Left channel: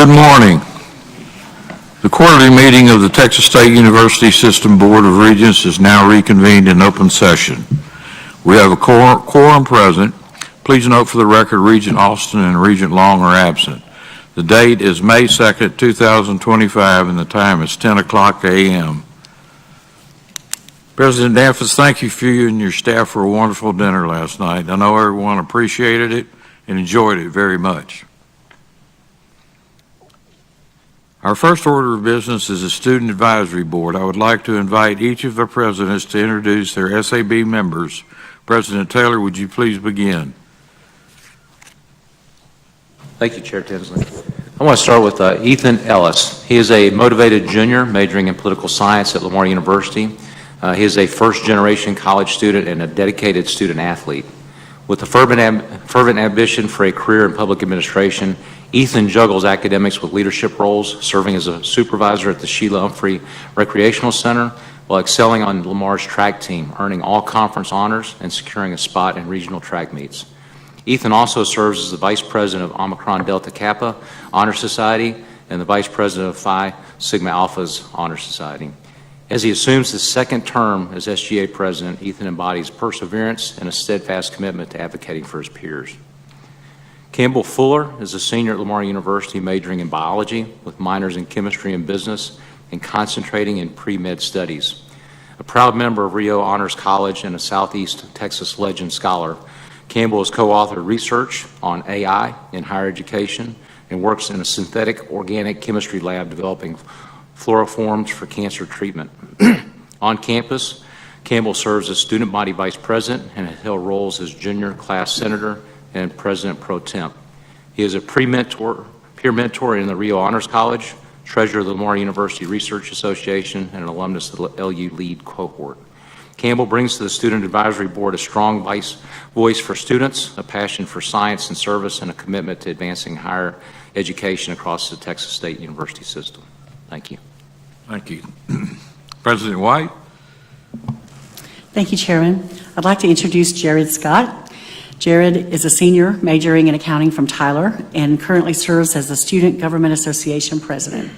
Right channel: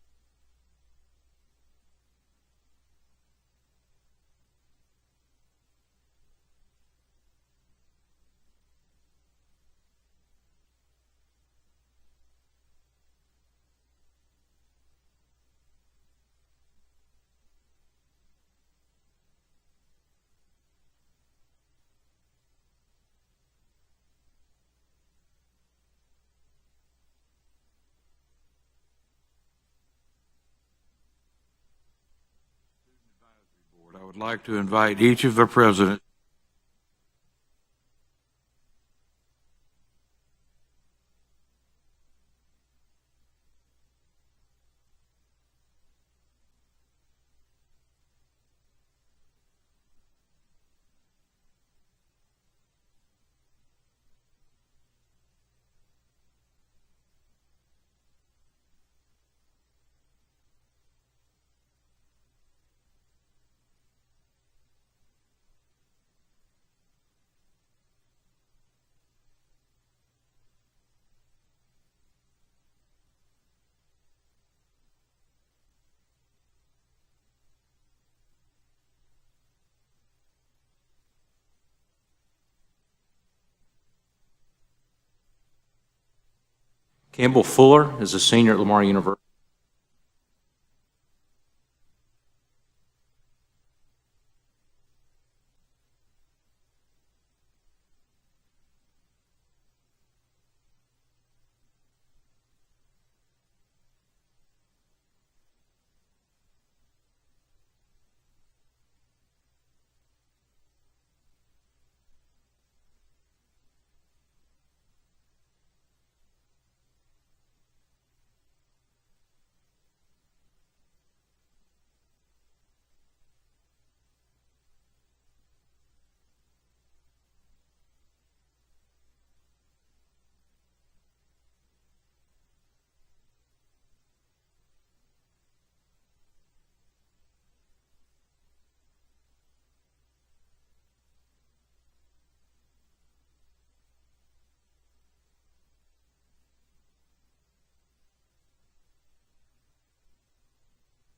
Good morning. The quarterly meeting of the Texas State University System Board of Regents is now reconvened in open session. We have a quorum present. Please note for the record, Regent Austin and Regent Long are absent. The date is May 2nd, 2025, and the time is 10 o'clock a.m. President Danforth, thank you and your staff for a wonderful dinner last night. I know everyone appreciated it and enjoyed it very much. Our first order of business is the Student Advisory Board. I would like to invite each of the presidents to introduce their SAB members. President Taylor, would you please begin? Thank you, Chair Tinsley. I want to start with Ethan Ellis. He is a motivated junior majoring in political science at Lamar University. He is a first-generation college student and a dedicated student athlete. With a fervent ambition for a career in public administration, Ethan juggles academics with leadership roles, serving as a supervisor at the Sheila Humphrey Recreational Center while excelling on Lamar's track team, earning all conference honors and securing a spot in regional track meets. Ethan also serves as the Vice President of Omicron Delta Kappa Honor Society and the Vice President of Phi Sigma Alpha's Honor Society. As he assumes his second term as SGA President, Ethan embodies perseverance and a steadfast commitment to advocating for his peers. Campbell Fuller is a senior at Lamar University majoring in biology with minors in chemistry and business and concentrating in pre-med studies. A proud member of Rio Honors College and a Southeast Texas Legend Scholar, Campbell has co-authored research on AI in higher education and works in a synthetic organic chemistry lab developing fluoroforms for cancer treatment. On campus, Campbell serves as student body vice president and has held roles as junior class senator and president pro temp. He is a peer mentor in the Rio Honors College, treasurer of the Lamar University Research Association, and an alumnus of the LU Lead cohort. Campbell brings to the Student Advisory Board a strong voice for students, a passion for science and service, and a commitment to advancing higher education across the Texas State University system. Thank you. Thank you. President White. Thank you, Chairman. I'd like to introduce Jared Scott. Jared is a senior majoring in accounting from Tyler and currently serves as the Student Government Association president.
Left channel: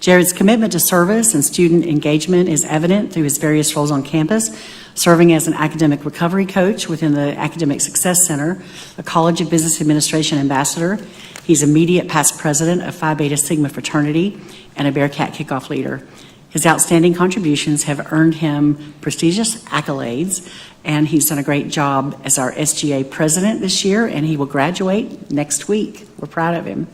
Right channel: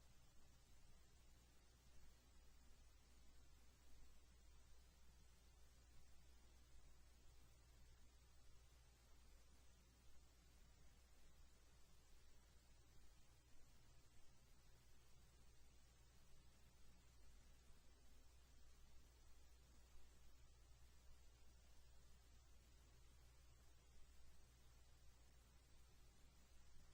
Jared's commitment to service and student engagement is evident through his various roles on campus, serving as an academic recovery coach within the Academic Success Center, a College of Business Administration ambassador. He's immediate past president of Phi Beta Sigma fraternity and a Bearcat kickoff leader. His outstanding contributions have earned him prestigious accolades, and he's done a great job as our SGA president this year, and he will graduate next week. We're proud of him.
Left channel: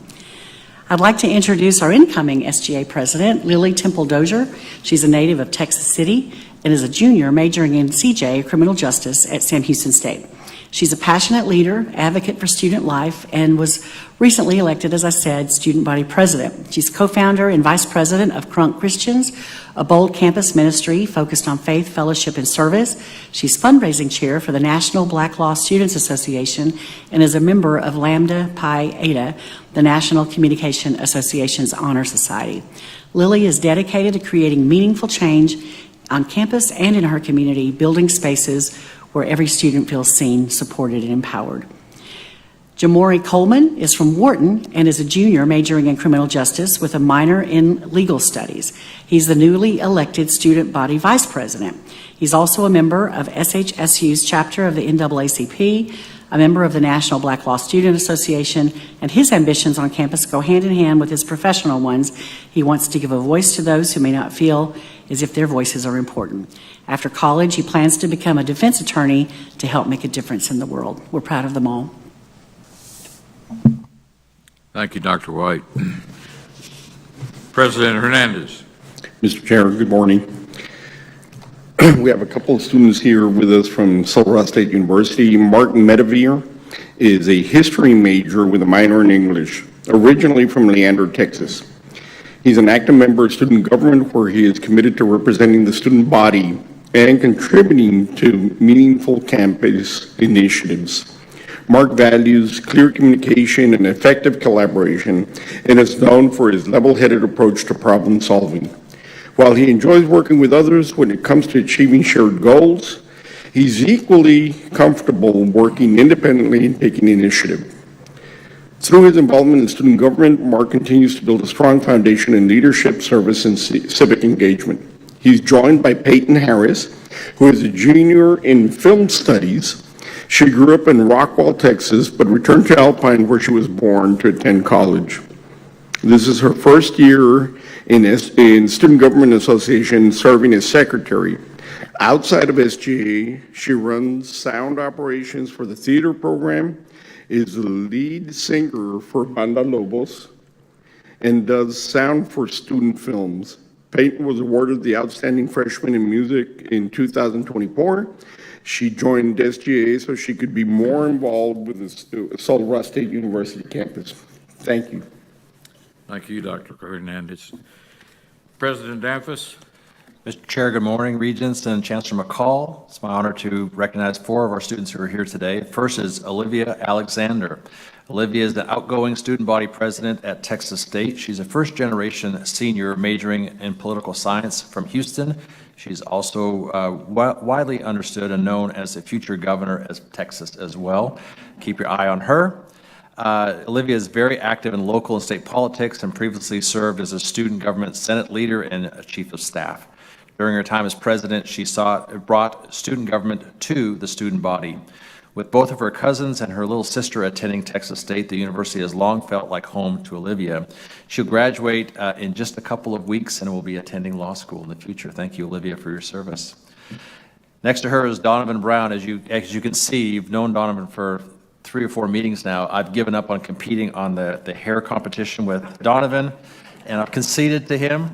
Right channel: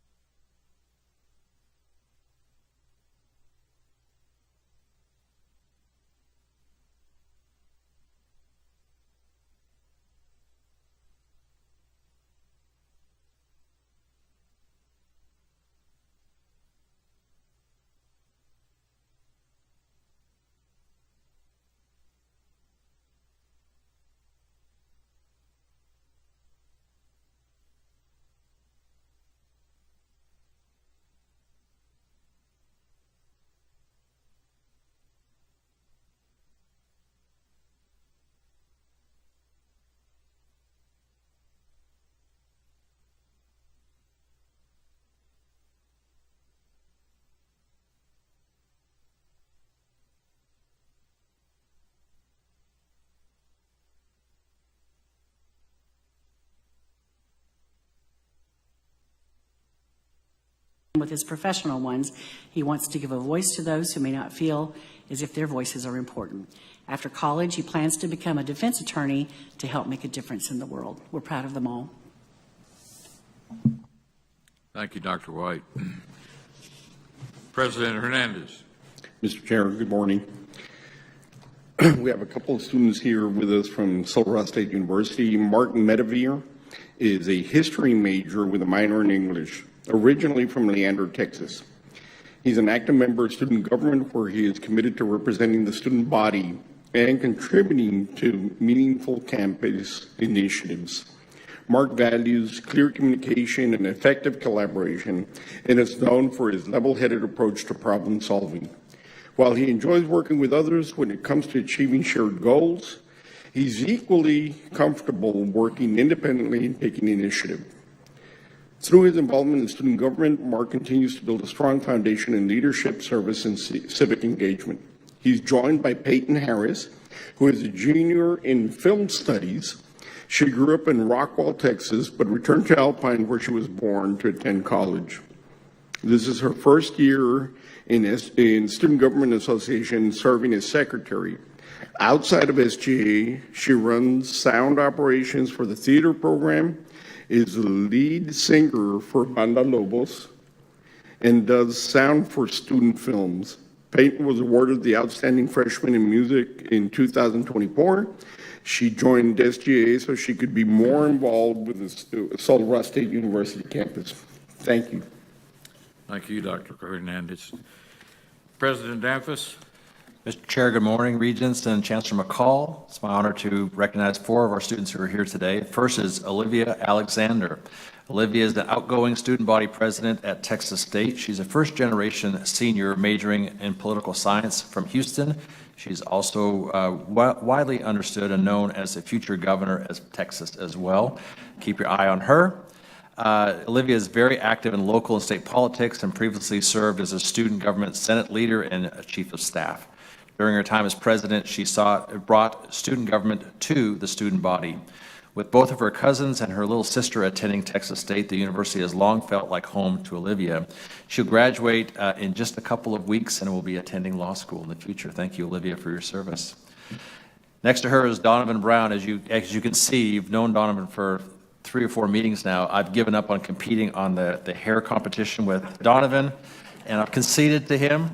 I'd like to introduce our incoming SGA president, Lily Temple Dozier. She's a native of Texas City and is a junior majoring in CJ, criminal justice, at Sam Houston State. She's a passionate leader, advocate for student life, and was recently elected, as I said, student body president. She's co-founder and vice president of Crunk Christians, a bold campus ministry focused on faith, fellowship, and service. She's fundraising chair for the National Black Law Students Association and is a member of Lambda Pi Eta, the National Communication Association's Honor Society. Lily is dedicated to creating meaningful change on campus and in her community, building spaces where every student feels seen, supported, and empowered. Jamori Coleman is from Wharton and is a junior majoring in criminal justice with a minor in legal studies. He's the newly elected student body vice president. He's also a member of SHSU's chapter of the NAACP, a member of the National Black Law Student Association, and his ambitions on campus go hand in hand with his professional ones. He wants to give a voice to those who may not feel as if their voices are important. After college, he plans to become a defense attorney to help make a difference in the world. We're proud of them all. Thank you, Dr. White. President Hernandez. Mr. Chair, good morning. We have a couple of students here with us from Silverado State University. Martin Medevere is a history major with a minor in English, originally from Leander, Texas. He's an active member of student government where he is committed to representing the student body and contributing to meaningful campus initiatives. Mark values clear communication and effective collaboration and is known for his level-headed approach to problem solving. While he enjoys working with others when it comes to achieving shared goals, he's equally comfortable working independently and taking initiative. Through his involvement in student government, Mark continues to build a strong foundation in leadership, service, and civic engagement. He's joined by Peyton Harris, who is a junior in film studies. She grew up in Rockwall, Texas, but returned to Alpine, where she was born, to attend college. This is her first year in Student Government Association serving as secretary. Outside of SGA, she runs sound operations for the theater program, is the lead singer for Banda Lobos, and does sound for student films. Peyton was awarded the Outstanding Freshman in Music in 2024. She joined SGA so she could be more involved with the Colorado State University campus. Thank you. Thank you, Dr. Hernandez. President Danfus. Mr. Chair, good morning, Regents and Chancellor McCall. It's my honor to recognize 4 of our students who are here today. First is Olivia Alexander. Olivia is the outgoing student body president at Texas State. She's a first-generation senior majoring in political science from Houston. She's also widely understood and known as the future governor of Texas as well. Keep your eye on her. Olivia is very active in local and state politics and previously served as a student government Senate leader and a chief of staff. During her time as president, she brought student government to the student body. With both of her cousins and her little sister attending Texas State, the university has long felt like home to Olivia. She'll graduate in just a couple of weeks and will be attending law school in the future. Thank you, Olivia, for your service. Next to her is Donovan Brown. As you can see, you've known Donovan for 3 or 4 meetings now. I've given up on competing on the hair competition with Donovan, and I've conceded to him.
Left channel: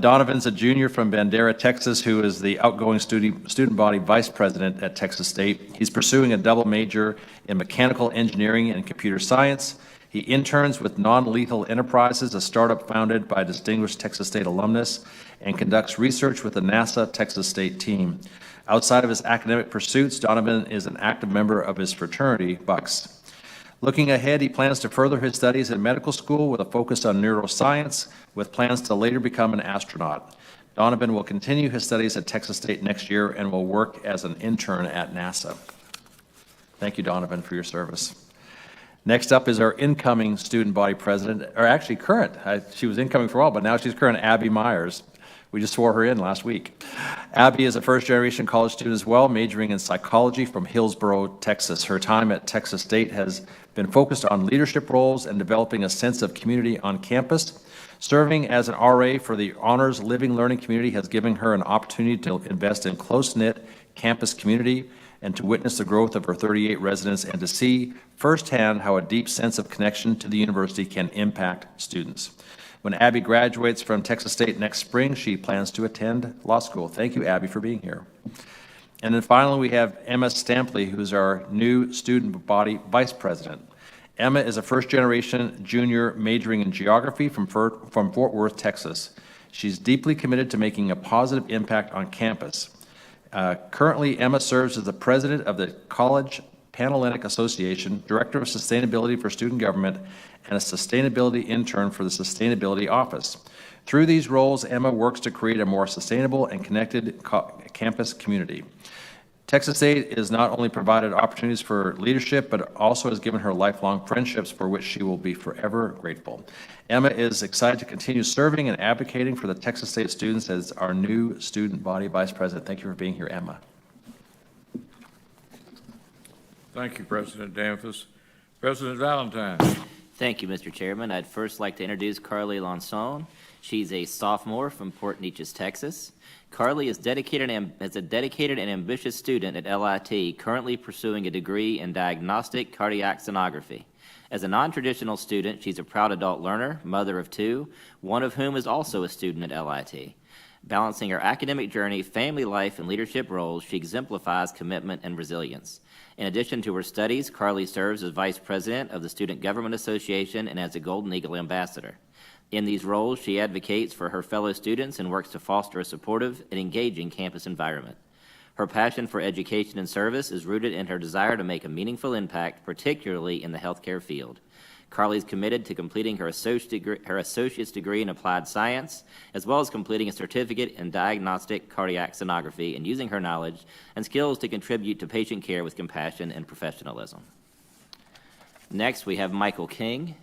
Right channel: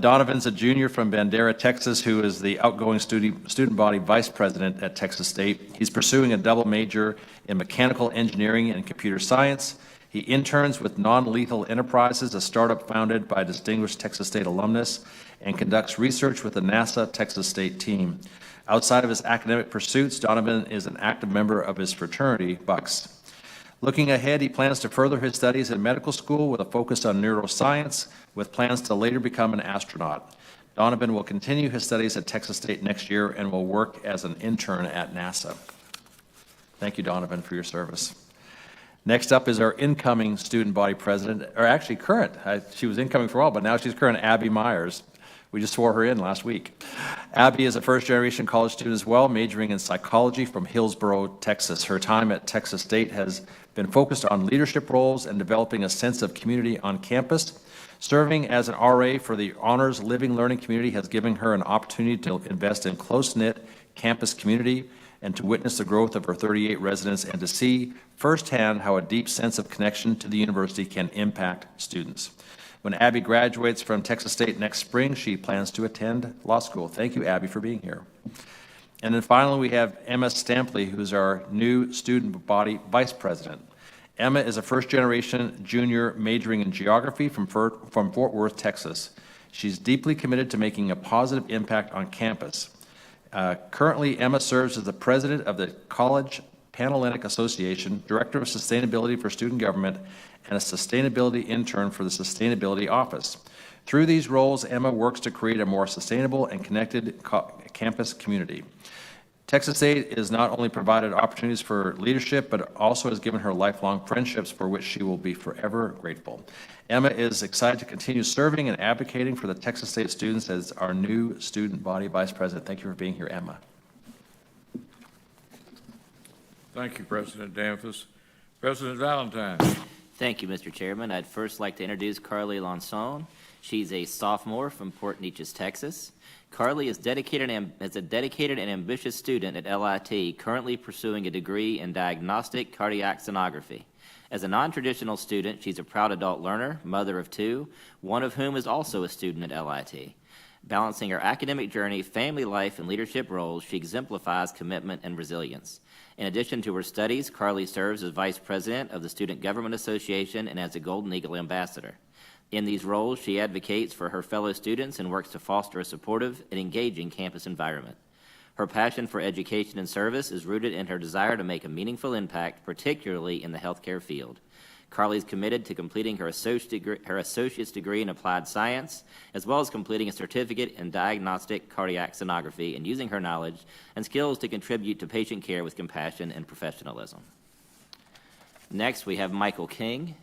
Donovan's a junior from Bandera, Texas, who is the outgoing student body vice president at Texas State. He's pursuing a double major in mechanical engineering and computer science. He interns with Non-Lethal Enterprises, a startup founded by a distinguished Texas State alumnus, and conducts research with the NASA Texas State team. Outside of his academic pursuits, Donovan is an active member of his fraternity, Bucks. Looking ahead, he plans to further his studies in medical school with a focus on neuroscience, with plans to later become an astronaut. Donovan will continue his studies at Texas State next year and will work as an intern at NASA. Thank you, Donovan, for your service. Next up is our incoming student body president, or actually current. She was incoming for a while, but now she's current, Abby Myers. We just swore her in last week. Abby is a first-generation college student as well, majoring in psychology from Hillsboro, Texas. Her time at Texas State has been focused on leadership roles and developing a sense of community on campus. Serving as an RA for the Honors Living Learning community has given her an opportunity to invest in close-knit campus community and to witness the growth of her 38 residents and to see firsthand how a deep sense of connection to the university can impact students. When Abby graduates from Texas State next spring, she plans to attend law school. Thank you, Abby, for being here. And then finally, we have Emma Stampley, who's our new student body vice president. Emma is a first-generation junior majoring in geography from Fort Worth, Texas. She's deeply committed to making a positive impact on campus. Currently, Emma serves as the president of the College Panhellenic Association, director of sustainability for student government, and a sustainability intern for the Sustainability Office. Through these roles, Emma works to create a more sustainable and connected campus community. Texas State has not only provided opportunities for leadership, but also has given her lifelong friendships for which she will be forever grateful. Emma is excited to continue serving and advocating for the Texas State students as our new student body vice president. Thank you for being here, Emma. Thank you, President Danfus. President Valentine. Thank you, Mr. Chairman. I'd first like to introduce Carly Lanson. She's a sophomore from Port Neches, Texas. Carly is a dedicated and ambitious student at LIT, currently pursuing a degree in diagnostic cardiac sonography. As a non-traditional student, she's a proud adult learner, mother of 2, one of whom is also a student at LIT. Balancing her academic journey, family life, and leadership roles, she exemplifies commitment and resilience. In addition to her studies, Carly serves as Vice President of the Student Government Association and as a Golden Eagle Ambassador. In these roles, she advocates for her fellow students and works to foster a supportive and engaging campus environment. Her passion for education and service is rooted in her desire to make a meaningful impact, particularly in the healthcare field. Carly is committed to completing her associate's degree in applied science, as well as completing a certificate in diagnostic cardiac sonography and using her knowledge and skills to contribute to patient care with compassion and professionalism. Next, we have Michael King.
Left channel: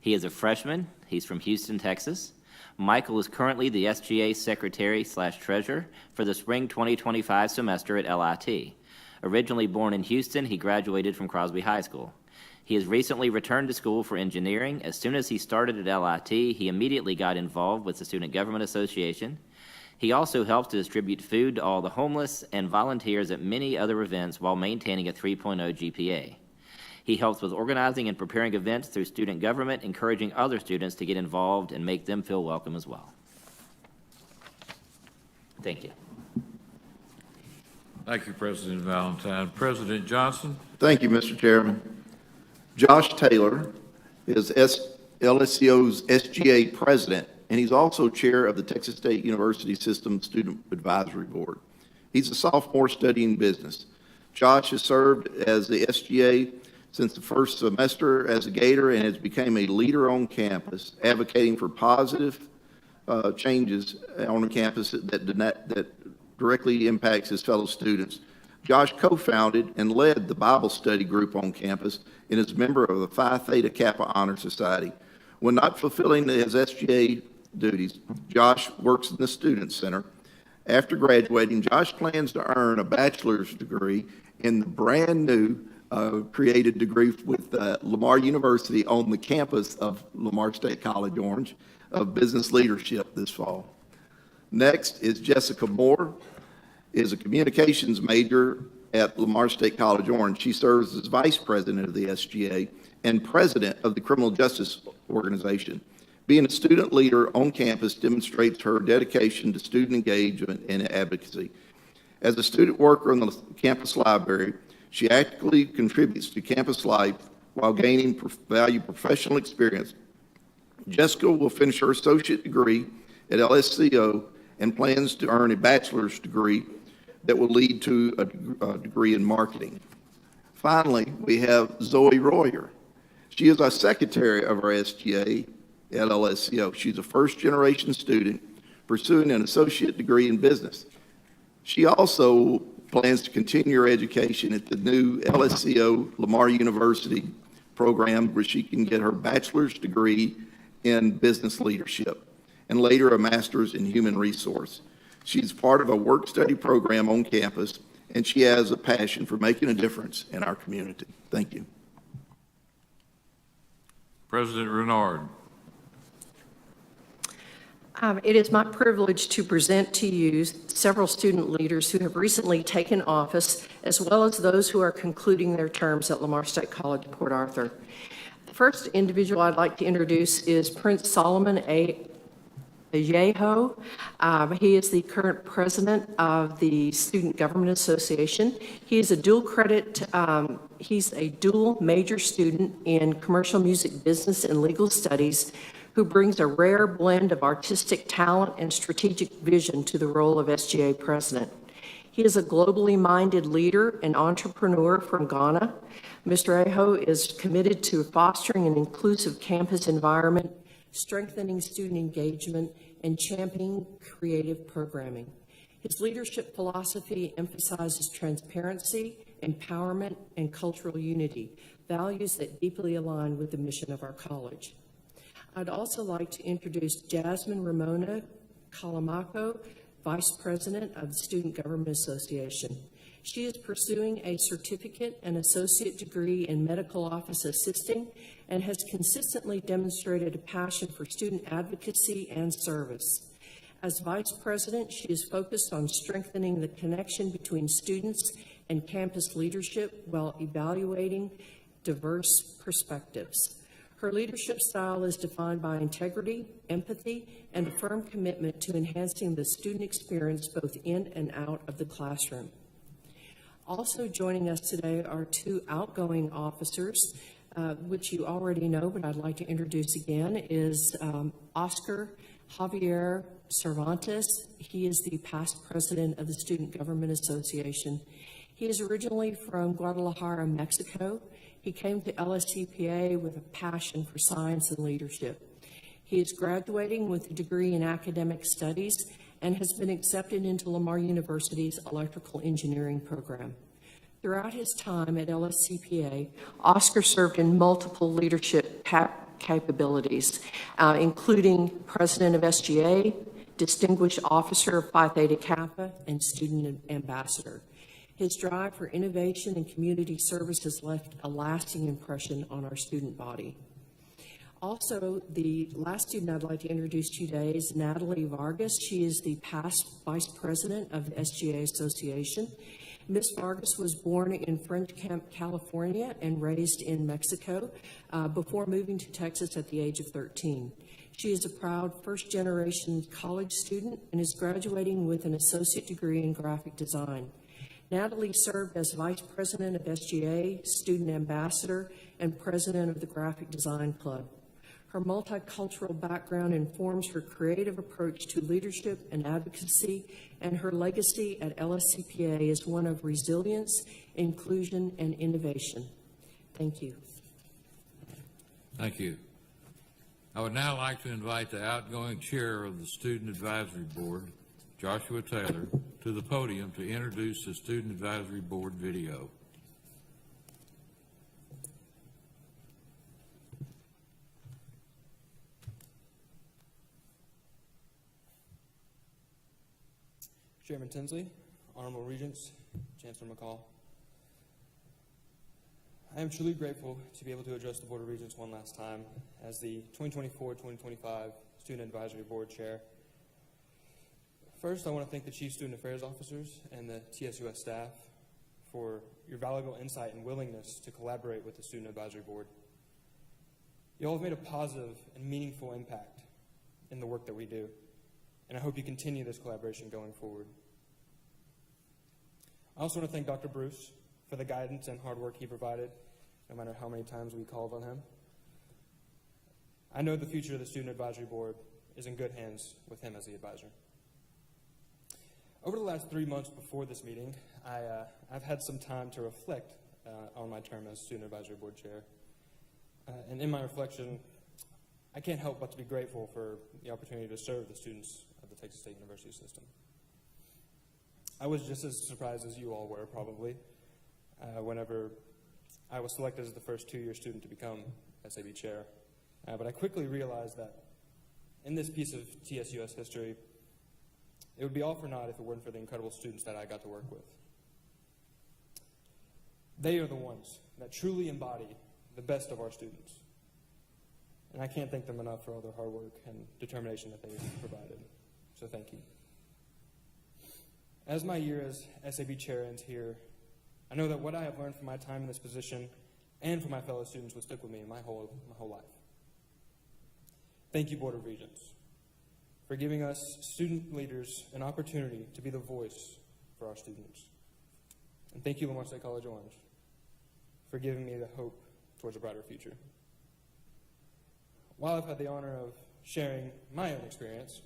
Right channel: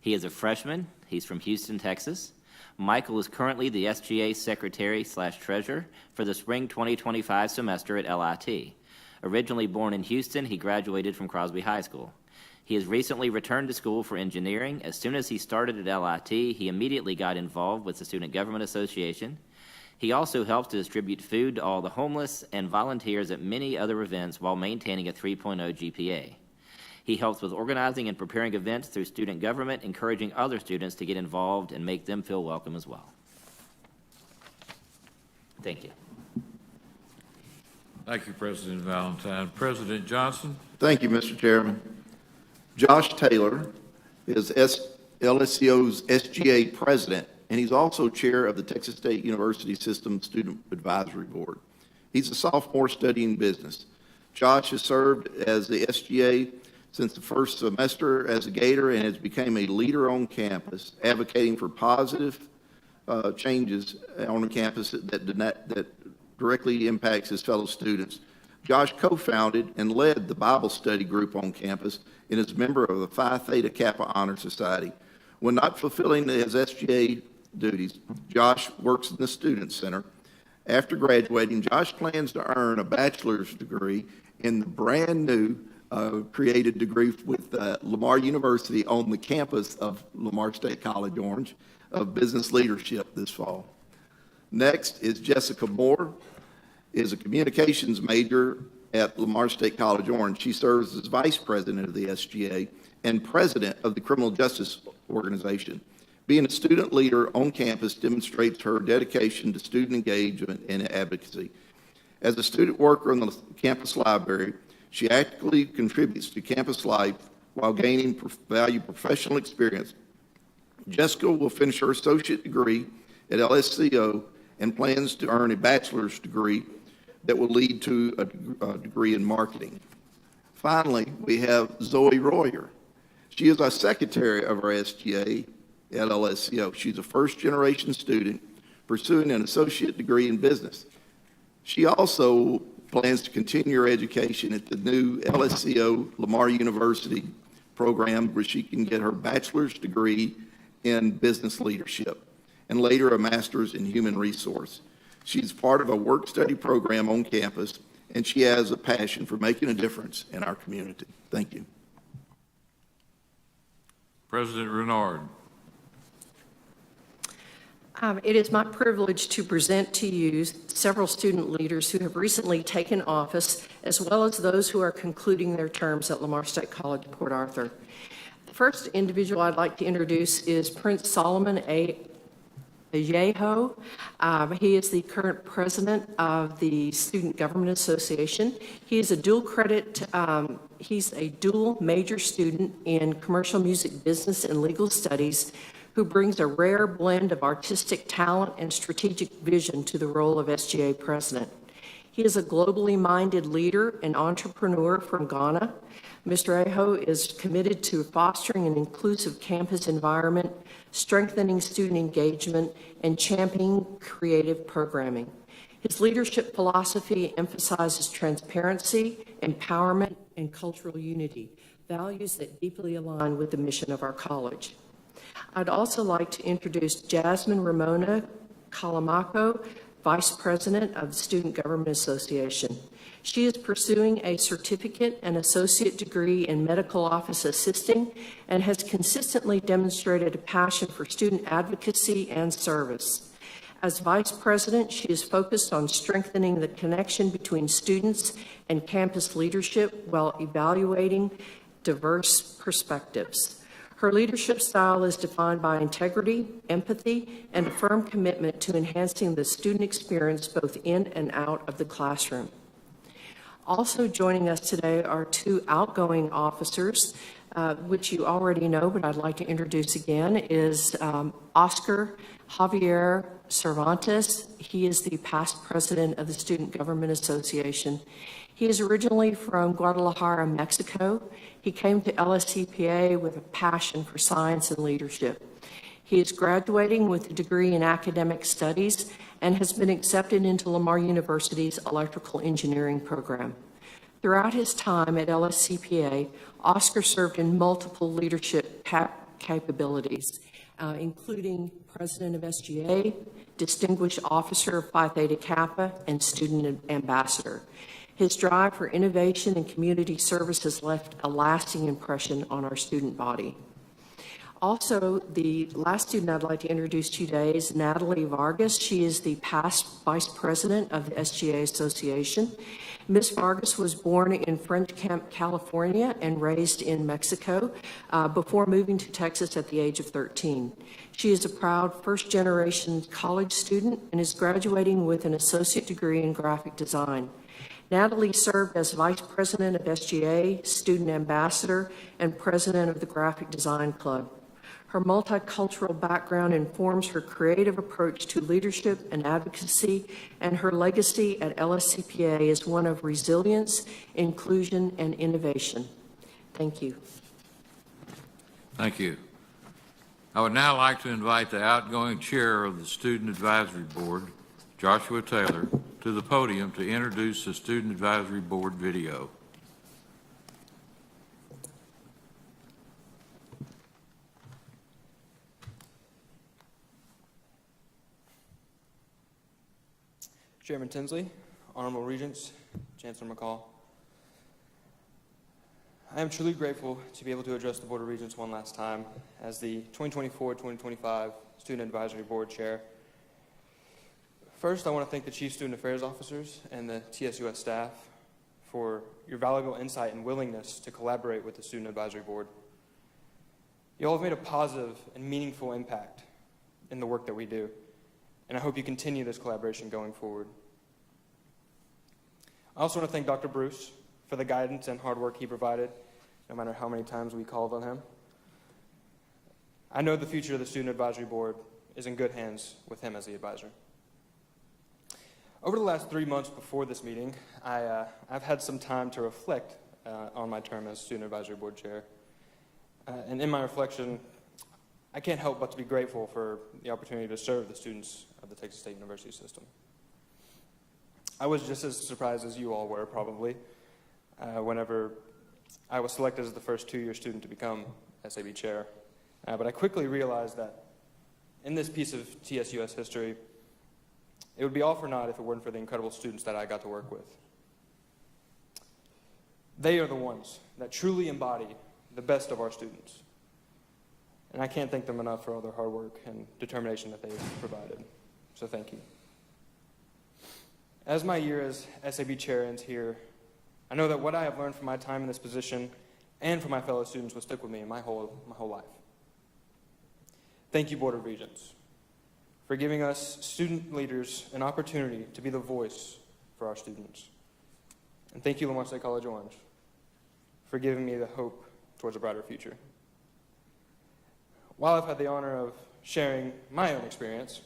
He is a freshman. He's from Houston, Texas. Michael is currently the SGA Secretary/Treasurer for the spring 2025 semester at LIT. Originally born in Houston, he graduated from Crosby High School. He has recently returned to school for engineering. As soon as he started at LIT, he immediately got involved with the Student Government Association. He also helps to distribute food to all the homeless and volunteers at many other events while maintaining a 3.0 GPA. He helps with organizing and preparing events through student government, encouraging other students to get involved and make them feel welcome as well. Thank you. Thank you, President Valentine. President Johnson? Thank you, Mr. Chairman. Josh Taylor is LSCO's SGA president, and he's also chair of the Texas State University System Student Advisory Board. He's a sophomore studying business. Josh has served as the SGA since the first semester as a Gator and has become a leader on campus, advocating for positive changes on the campus that directly impacts his fellow students. Josh co-founded and led the Bible study group on campus and is a member of the Phi Theta Kappa Honor Society. When not fulfilling his SGA duties, Josh works in the Student Center. After graduating, Josh plans to earn a bachelor's degree in the brand new created degree with Lamar University on the campus of Lamar State College Orange of Business Leadership this fall. Next is Jessica Moore, is a communications major at Lamar State College Orange. She serves as vice president of the SGA and president of the Criminal Justice Organization. Being a student leader on campus demonstrates her dedication to student engagement and advocacy. As a student worker in the campus library, she actively contributes to campus life while gaining valuable professional experience. Jessica will finish her associate degree at LSCO and plans to earn a bachelor's degree that will lead to a degree in marketing. Finally, we have Zoe Royer. She is our secretary of our SGA at LSCO. She's a first-generation student pursuing an associate degree in business. She also plans to continue her education at the new LSCO Lamar University program, where she can get her bachelor's degree in business leadership and later a master's in human resource. She's part of a work-study program on campus, and she has a passion for making a difference in our community. Thank you. President Renard. It is my privilege to present to you several student leaders who have recently taken office, as well as those who are concluding their terms at Lamar State College, Port Arthur. The first individual I'd like to introduce is Prince Solomon Ayeho. He is the current president of the Student Government Association. He is a dual major student in commercial music business and legal studies, who brings a rare blend of artistic talent and strategic vision to the role of SGA president. He is a globally minded leader and entrepreneur from Ghana. Mr. Ayeho is committed to fostering an inclusive campus environment, strengthening student engagement, and championing creative programming. His leadership philosophy emphasizes transparency, empowerment, and cultural unity, values that deeply align with the mission of our college. I'd also like to introduce Jasmine Ramona Calamaco, Vice President of the Student Government Association. She is pursuing a certificate and associate degree in medical office assisting and has consistently demonstrated a passion for student advocacy and service. As Vice President, she is focused on strengthening the connection between students and campus leadership while evaluating diverse perspectives. Her leadership style is defined by integrity, empathy, and a firm commitment to enhancing the student experience both in and out of the classroom. Also joining us today are two outgoing officers, which you already know, but I'd like to introduce again, is Oscar Javier Cervantes. He is the past president of the Student Government Association. He is originally from Guadalajara, Mexico. He came to LSCPA with a passion for science and leadership. He is graduating with a degree in academic studies and has been accepted into Lamar University's electrical engineering program. Throughout his time at LSCPA, Oscar served in multiple leadership capabilities, including president of SGA, distinguished officer of Phi Theta Kappa, and student ambassador. His drive for innovation and community service has left a lasting impression on our student body. Also, the last student I'd like to introduce to you today is Natalie Vargas. She is the past vice president of the SGA Association. Ms. Vargas was born in French Camp, California, and raised in Mexico before moving to Texas at the age of 13. She is a proud first-generation college student and is graduating with an associate degree in graphic design. Natalie served as vice president of SGA, student ambassador, and president of the Graphic Design Club. Her multicultural background informs her creative approach to leadership and advocacy, and her legacy at LSCPA is one of resilience, inclusion, and innovation. Thank you. Thank you. I would now like to invite the outgoing chair of the Student Advisory Board, Joshua Taylor, to the podium to introduce the Student Advisory Board video. Chairman Tinsley, Honorable Regents, Chancellor McCall. I am truly grateful to be able to address the Board of Regents one last time as the 2024-2025 Student Advisory Board Chair. First, I want to thank the Chief Student Affairs Officers and the TSUS staff for your valuable insight and willingness to collaborate with the Student Advisory Board. You all have made a positive and meaningful impact in the work that we do, and I hope you continue this collaboration going forward. I also want to thank Dr. Bruce for the guidance and hard work he provided, no matter how many times we called on him. I know the future of the Student Advisory Board is in good hands with him as the advisor. Over the last 3 months before this meeting, I've had some time to reflect on my term as Student Advisory Board Chair. And in my reflection, I can't help but to be grateful for the opportunity to serve the students of the Texas State University system. I was just as surprised as you all were, probably, whenever I was selected as the first two-year student to become SAB Chair. But I quickly realized that in this piece of TSUS history, it would be all for naught if it weren't for the incredible students that I got to work with. They are the ones that truly embody the best of our students. And I can't thank them enough for all their hard work and determination that they've provided. So thank you. As my year as SAB Chair ends here, I know that what I have learned from my time in this position and from my fellow students will stick with me in my whole life. Thank you, Board of Regents, for giving us student leaders an opportunity to be the voice for our students. And thank you, Lamar State College Orange, for giving me the hope towards a brighter future. While I've had the honor of sharing my own experience,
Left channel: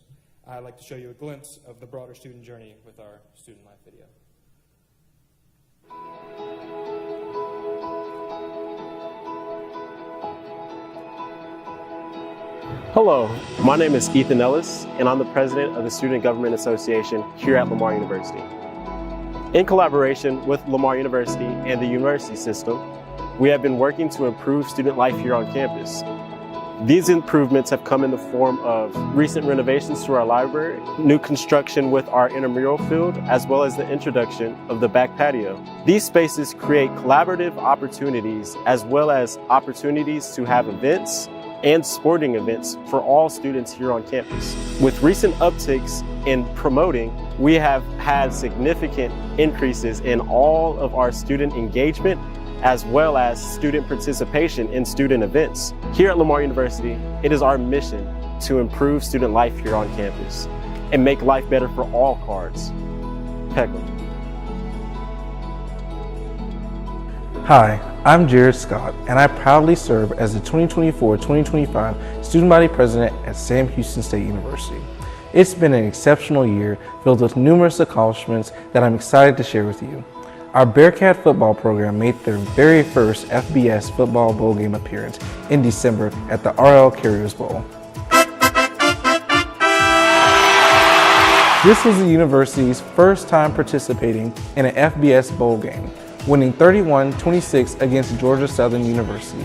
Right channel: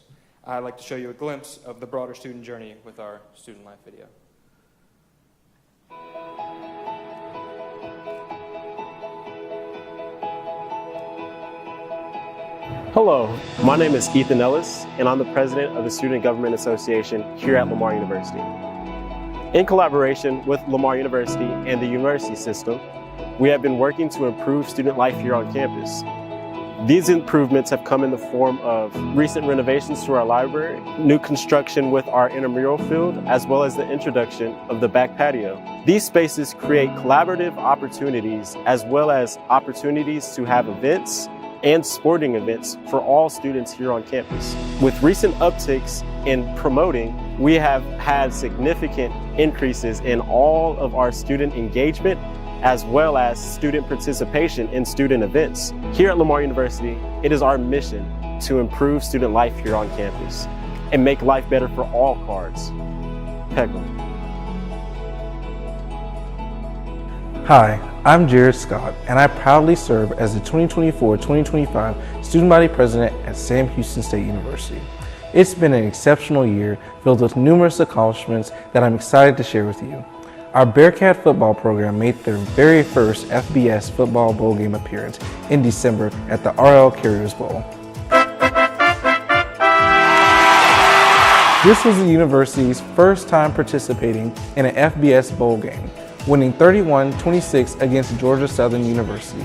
I'd like to show you a glimpse of the broader student journey with our student life video. Hello, my name is Ethan Ellis, and I'm the president of the Student Government Association here at Lamar University. In collaboration with Lamar University and the university system, we have been working to improve student life here on campus. These improvements have come in the form of recent renovations to our library, new construction with our intramural field, as well as the introduction of the back patio. These spaces create collaborative opportunities as well as opportunities to have events and sporting events for all students here on campus. With recent upticks in promoting, we have had significant increases in all of our student engagement as well as student participation in student events. Here at Lamar University, it is our mission to improve student life here on campus and make life better for all cards. Peckham. Hi, I'm Jared Scott, and I proudly serve as the 2024-2025 Student Body President at Sam Houston State University. It's been an exceptional year filled with numerous accomplishments that I'm excited to share with you. Our Bearcat football program made their very first FBS football bowl game appearance in December at the RL Carriers Bowl. This was the university's first time participating in an FBS bowl game. winning 31-26 against Georgia Southern University.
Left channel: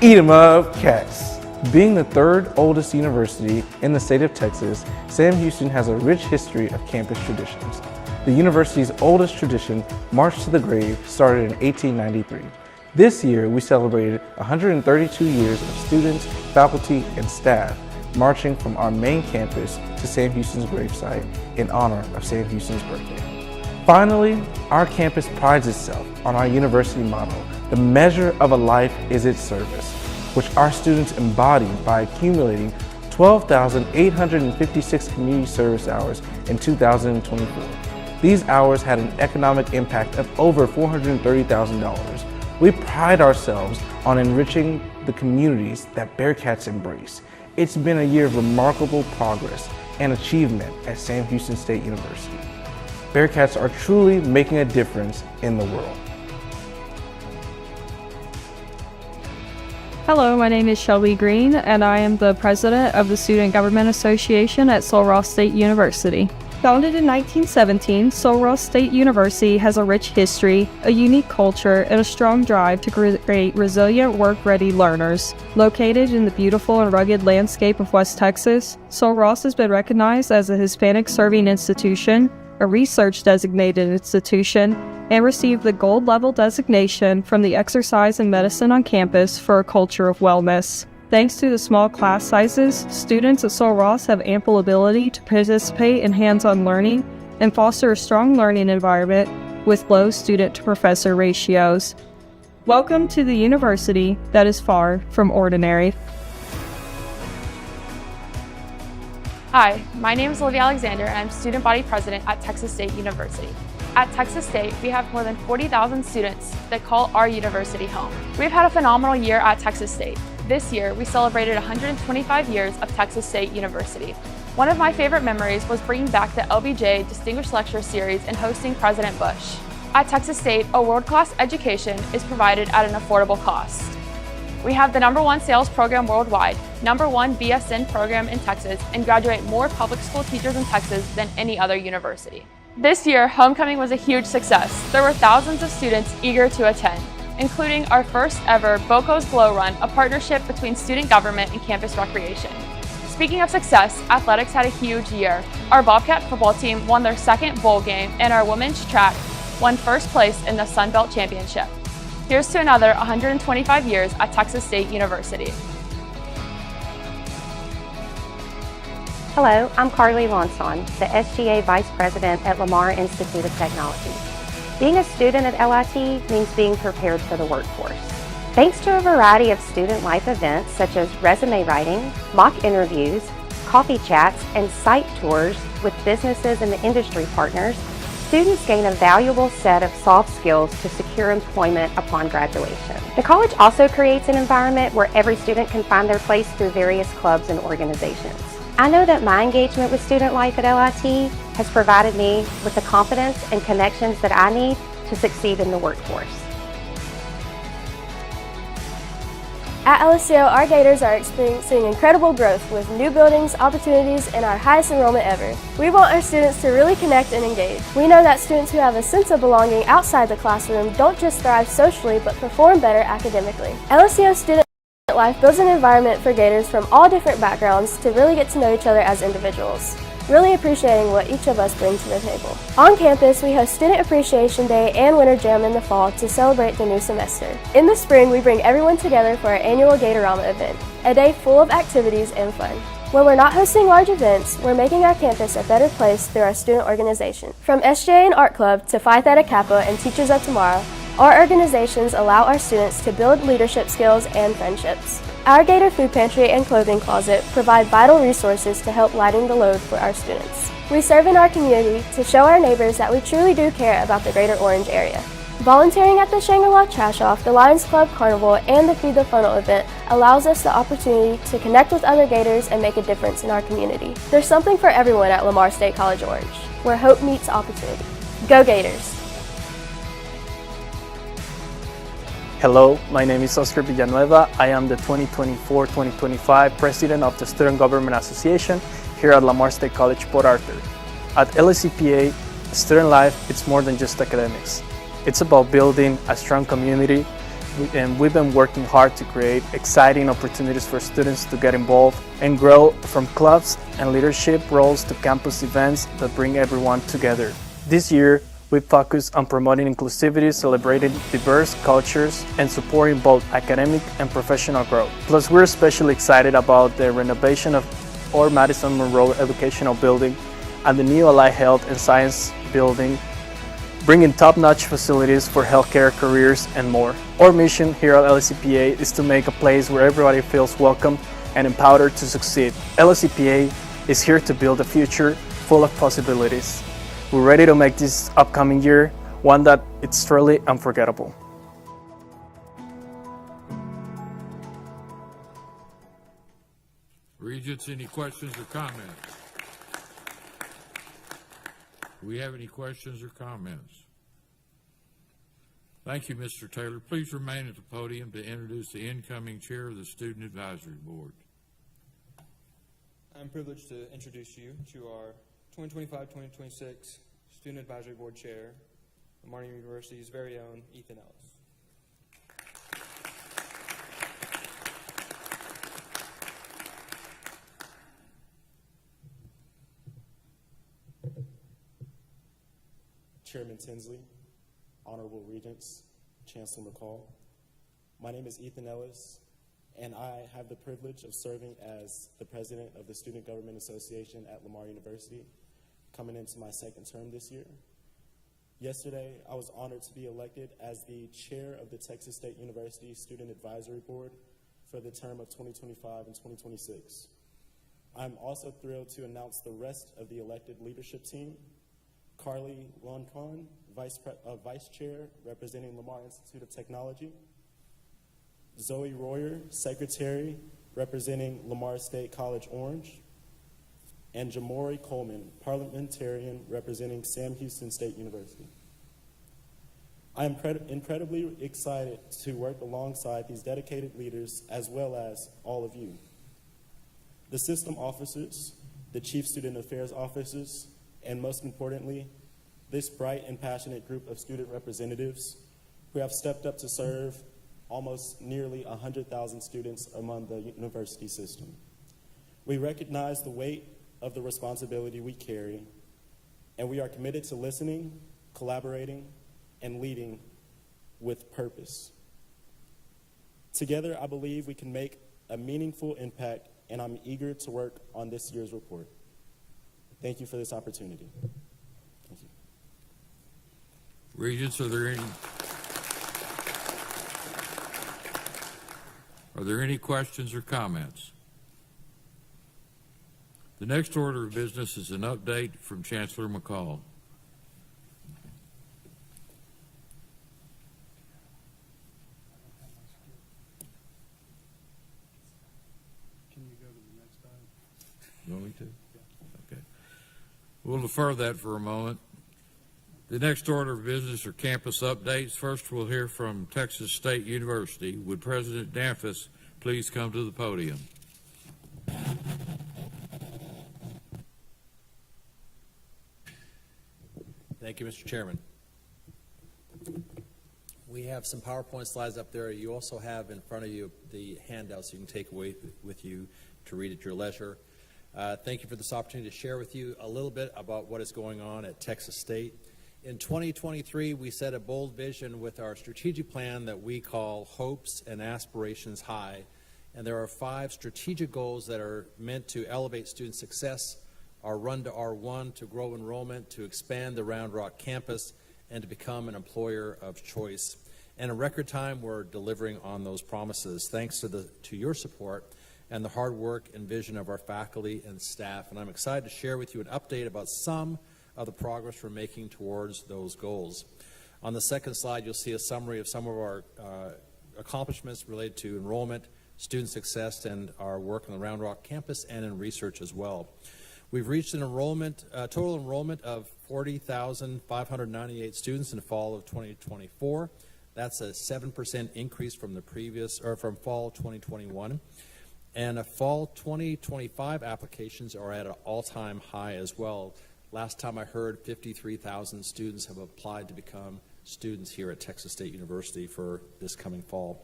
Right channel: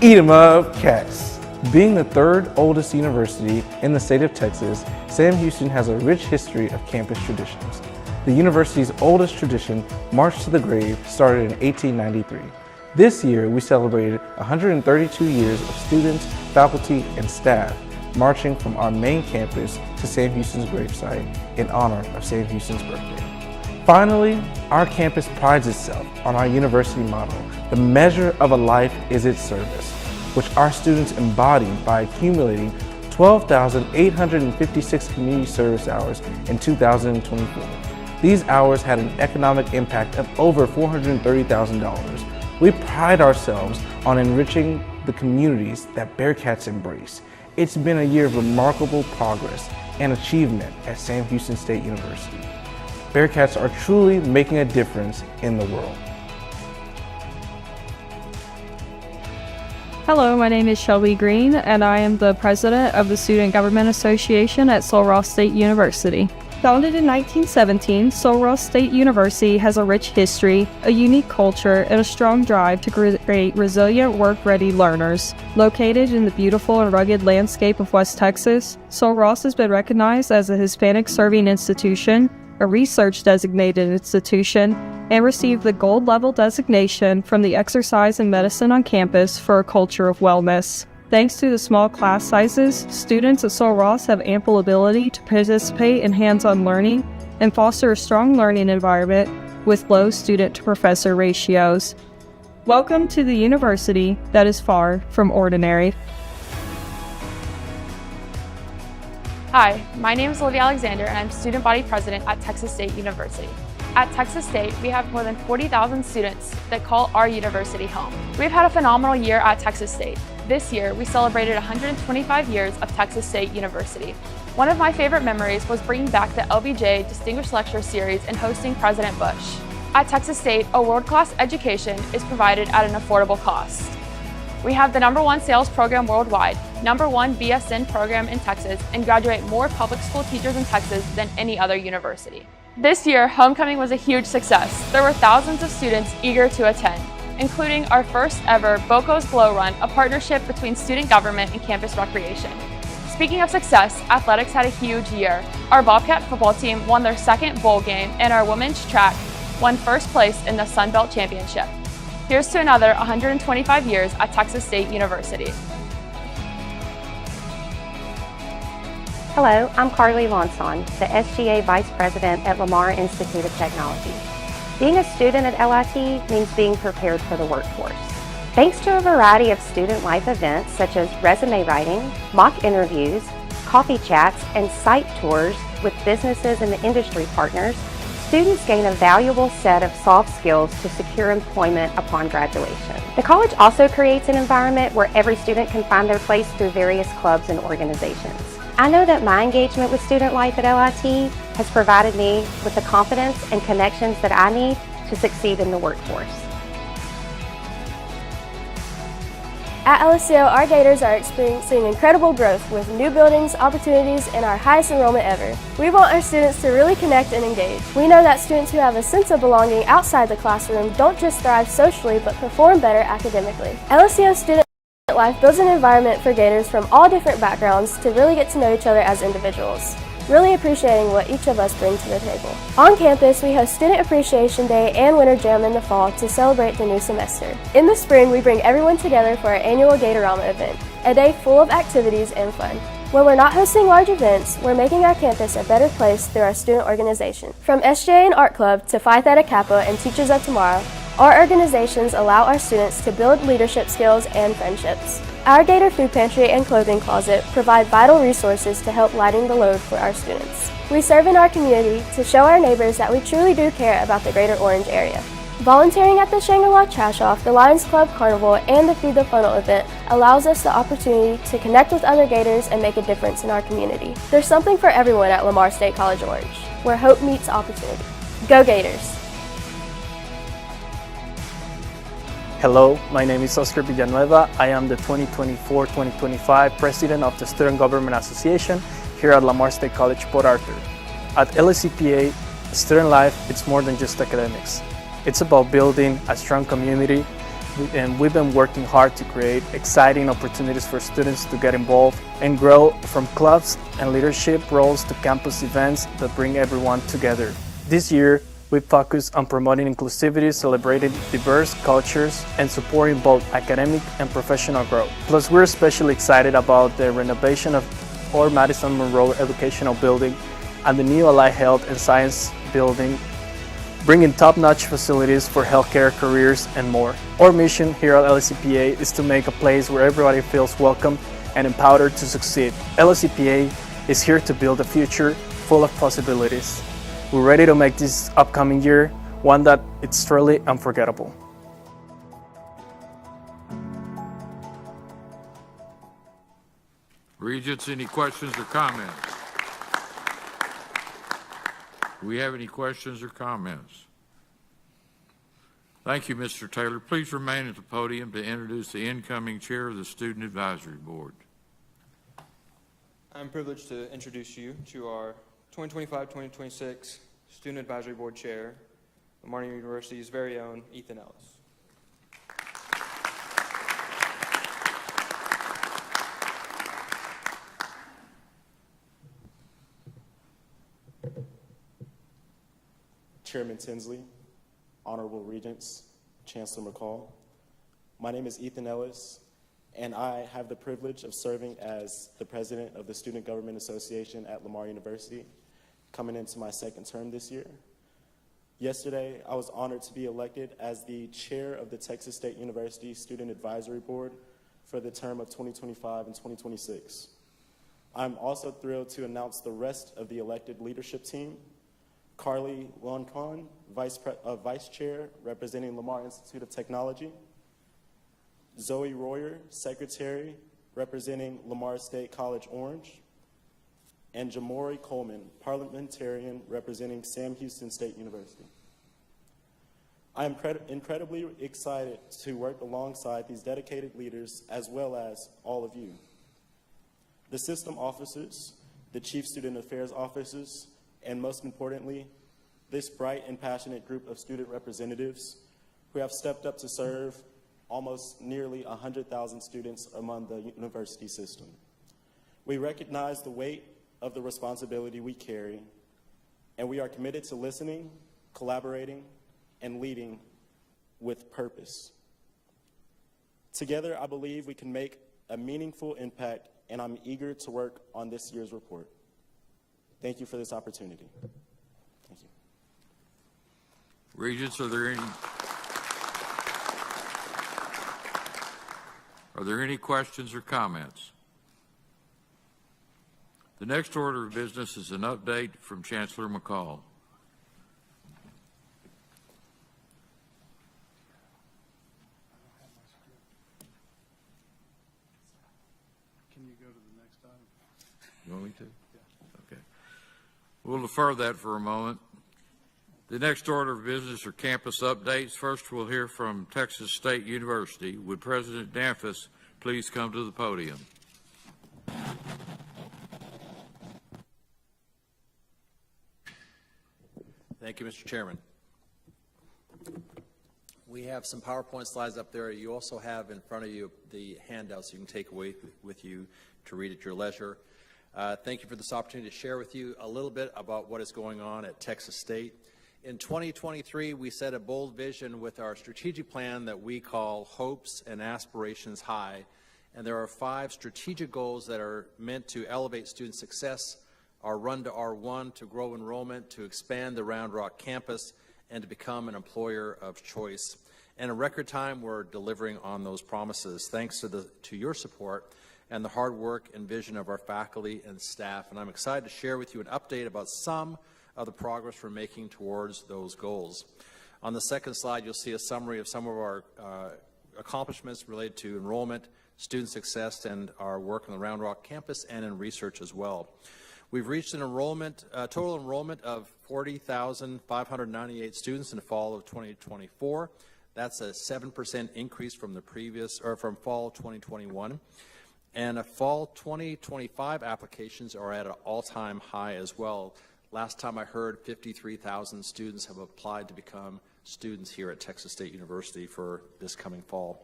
Eat 'em up, Cats! Being the third oldest university in the state of Texas, Sam Houston has a rich history of campus traditions. The university's oldest tradition, March to the Grave, started in 1893. This year, we celebrated 132 years of students, faculty, and staff marching from our main campus to Sam Houston's gravesite in honor of Sam Houston's birthday. Finally, our campus prides itself on our university motto, "The measure of a life is its service," which our students embodied by accumulating 12,856 community service hours in 2024. These hours had an economic impact of over $430,000. We pride ourselves on enriching the communities that Bearcats embrace. It's been a year of remarkable progress and achievement at Sam Houston State University. Bearcats are truly making a difference in the world. Hello, my name is Shelby Green, and I am the president of the Student Government Association at Sul Ross State University. Founded in 1917, Sul Ross State University has a rich history, a unique culture, and a strong drive to create resilient, work-ready learners. Located in the beautiful and rugged landscape of West Texas, Sul Ross has been recognized as a Hispanic-serving institution, a research-designated institution, and received the gold level designation from the Exercise and Medicine on Campus for a culture of wellness. Thanks to the small class sizes, students at Sul Ross have ample ability to participate in hands-on learning and foster a strong learning environment with low student-to-professor ratios. Welcome to the university that is far from ordinary. Hi, my name is Olivia Alexander and I'm student body president at Texas State University. At Texas State, we have more than 40,000 students that call our university home. We've had a phenomenal year at Texas State. This year, we celebrated 125 years of Texas State University. One of my favorite memories was bringing back the LBJ Distinguished Lecture Series and hosting President Bush. At Texas State, a world-class education is provided at an affordable cost. We have the #1 sales program worldwide, #1 BSN program in Texas, and graduate more public school teachers in Texas than any other university. This year, homecoming was a huge success. There were thousands of students eager to attend, including our first ever Boco's Glow Run, a partnership between student government and campus recreation. Speaking of success, athletics had a huge year. Our Bobcat football team won their second bowl game, and our women's track won first place in the Sun Belt Championship. Here's to another 125 years at Texas State University. Hello, I'm Carly Lonson, the SGA Vice President at Lamar Institute of Technology. Being a student at LIT means being prepared for the workforce. Thanks to a variety of student life events such as resume writing, mock interviews, coffee chats, and site tours with businesses and industry partners, students gain a valuable set of soft skills to secure employment upon graduation. The college also creates an environment where every student can find their place through various clubs and organizations. I know that my engagement with student life at LIT has provided me with the confidence and connections that I need to succeed in the workforce. At LSCO, our Gators are experiencing incredible growth with new buildings, opportunities, and our highest enrollment ever. We want our students to really connect and engage. We know that students who have a sense of belonging outside the classroom don't just thrive socially, but perform better academically. LSCO student life builds an environment for Gators from all different backgrounds to really get to know each other as individuals, really appreciating what each of us bring to the table. On campus, we host Student Appreciation Day and Winter Jam in the fall to celebrate the new semester. In the spring, we bring everyone together for our annual Gatorama event, a day full of activities and fun. When we're not hosting large events, we're making our campus a better place through our student organization. From SJA and Art Club to Phi Theta Kappa and Teachers of Tomorrow, our organizations allow our students to build leadership skills and friendships. Our Gator Food Pantry and Clothing Closet provide vital resources to help lighten the load for our students. We serve in our community to show our neighbors that we truly do care about the Greater Orange area. Volunteering at the Shangri-La Trash Off, the Lions Club Carnival, and the Feed the Funnel event allows us the opportunity to connect with other Gators and make a difference in our community. There's something for everyone at Lamar State College Orange, where hope meets opportunity. Go Gators! Hello, my name is Oscar Villanueva. I am the 2024-2025 President of the Student Government Association here at Lamar State College, Port Arthur. At LSCPA, student life is more than just academics. It's about building a strong community, and we've been working hard to create exciting opportunities for students to get involved and grow, from clubs and leadership roles to campus events that bring everyone together. This year, we focus on promoting inclusivity, celebrating diverse cultures, and supporting both academic and professional growth. Plus, we're especially excited about the renovation of our Madison Monroe Educational Building and the new Allied Health and Science Building, bringing top-notch facilities for healthcare, careers, and more. Our mission here at LSCPA is to make a place where everybody feels welcome and empowered to succeed. LSCPA is here to build a future full of possibilities. We're ready to make this upcoming year one that it's truly unforgettable. Regents, any questions or comments? Do we have any questions or comments? Thank you, Mr. Taylor. Please remain at the podium to introduce the incoming chair of the Student Advisory Board. I'm privileged to introduce you to our 2025-2026 Student Advisory Board Chair, Lamar University's very own Ethan Ellis. Chairman Tinsley, Honorable Regents, Chancellor McCall. My name is Ethan Ellis, and I have the privilege of serving as the president of the Student Government Association at Lamar University, coming into my second term this year. Yesterday, I was honored to be elected as the chair of the Texas State University Student Advisory Board for the term of 2025 and 2026. I'm also thrilled to announce the rest of the elected leadership team. Carly Loncon, Vice Chair, representing Lamar Institute of Technology. Zoe Royer, Secretary, representing Lamar State College Orange. And Jamori Coleman, Parliamentarian, representing Sam Houston State University. I am incredibly excited to work alongside these dedicated leaders, as well as all of you. The system officers, the Chief Student Affairs officers, and most importantly, this bright and passionate group of student representatives who have stepped up to serve almost nearly 100,000 students among the university system. We recognize the weight of the responsibility we carry, and we are committed to listening, collaborating, and leading with purpose. Together, I believe we can make a meaningful impact, and I'm eager to work on this year's report. Thank you for this opportunity. Thank you. Regents, are there any questions or comments? The next order of business is an update from Chancellor McCall. Can you go to the next item? You want me to? Okay. We'll defer that for a moment. The next order of business are campus updates. First, we'll hear from Texas State University. Would President Danfus please come to the podium? Thank you, Mr. Chairman. We have some PowerPoint slides up there. You also have in front of you the handouts you can take away with you to read at your leisure. Thank you for this opportunity to share with you a little bit about what is going on at Texas State. In 2023, we set a bold vision with our strategic plan that we call Hopes and Aspirations High. And there are 5 strategic goals that are meant to elevate student success: our run to R1, to grow enrollment, to expand the Round Rock campus, and to become an employer of choice. And in record time, we're delivering on those promises, thanks to your support and the hard work and vision of our faculty and staff. And I'm excited to share with you an update about some of the progress we're making towards those goals. On the second slide, you'll see a summary of some of our accomplishments related to enrollment, student success, and our work on the Round Rock campus and in research as well. We've reached an total enrollment of 40,598 students in the fall of 2024. That's a 7% increase from from fall 2021. And fall 2025 applications are at an all-time high as well. Last time I heard, 53,000 students have applied to become students here at Texas State University for this coming fall.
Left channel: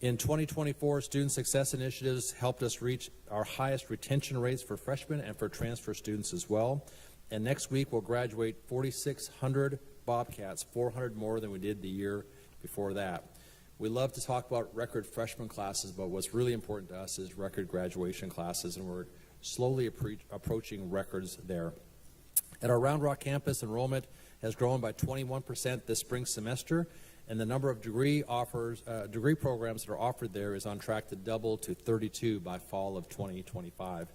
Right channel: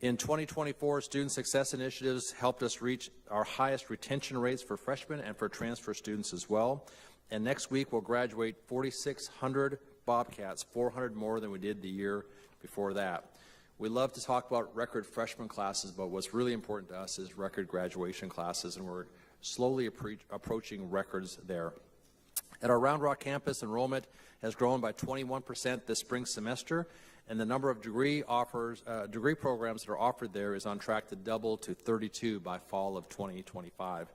In 2024, student success initiatives helped us reach our highest retention rates for freshmen and for transfer students as well. And next week, we'll graduate 4,600 Bobcats, 400 more than we did the year before that. We love to talk about record freshman classes, but what's really important to us is record graduation classes, and we're slowly approaching records there. At our Round Rock campus, enrollment has grown by 21% this spring semester, and the number of degree programs that are offered there is on track to double to 32 by fall of 2025.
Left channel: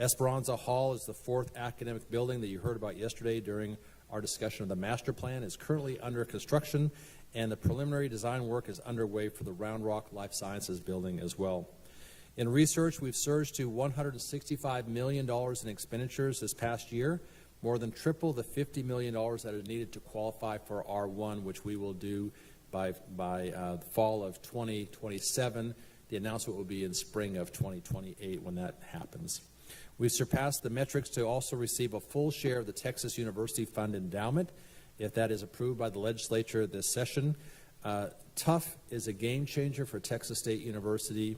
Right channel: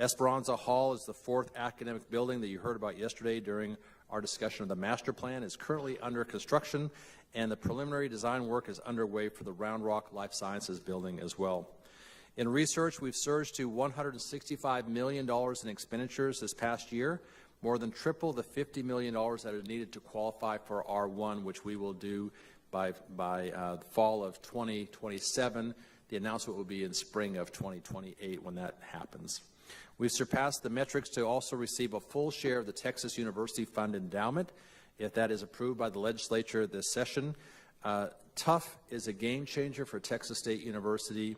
Esperanza Hall is the 4th academic building that you heard about yesterday during our discussion of the master plan. It's currently under construction, and the preliminary design work is underway for the Round Rock Life Sciences building as well. In research, we've surged to $165 million in expenditures this past year, more than triple the $50 million that are needed to qualify for R1, which we will do by the fall of 2027. The announcement will be in spring of 2028 when that happens. We've surpassed the metrics to also receive a full share of the Texas University Fund endowment, if that is approved by the legislature this session. TUF is a game changer for Texas State University.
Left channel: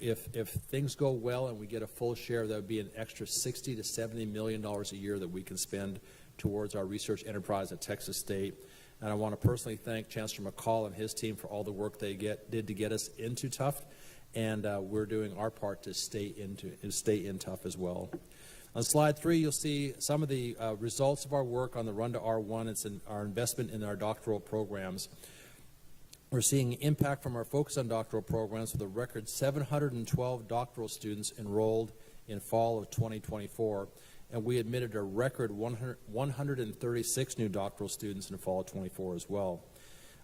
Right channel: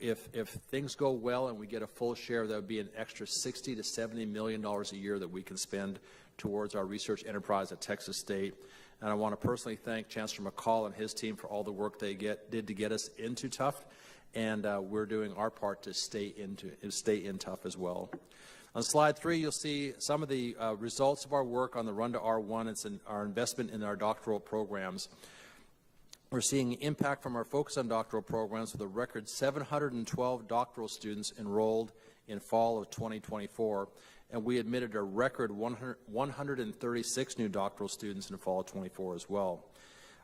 If things go well and we get a full share, that would be an extra $60 to $70 million a year that we can spend towards our research enterprise at Texas State. And I want to personally thank Chancellor McCall and his team for all the work they did to get us into TUF, and we're doing our part to stay in TUF as well. On slide 3, you'll see some of the results of our work on the Run to R1. It's our investment in our doctoral programs. We're seeing impact from our focus on doctoral programs with a record 712 doctoral students enrolled in fall of 2024, and we admitted a record 136 new doctoral students in fall of 24 as well.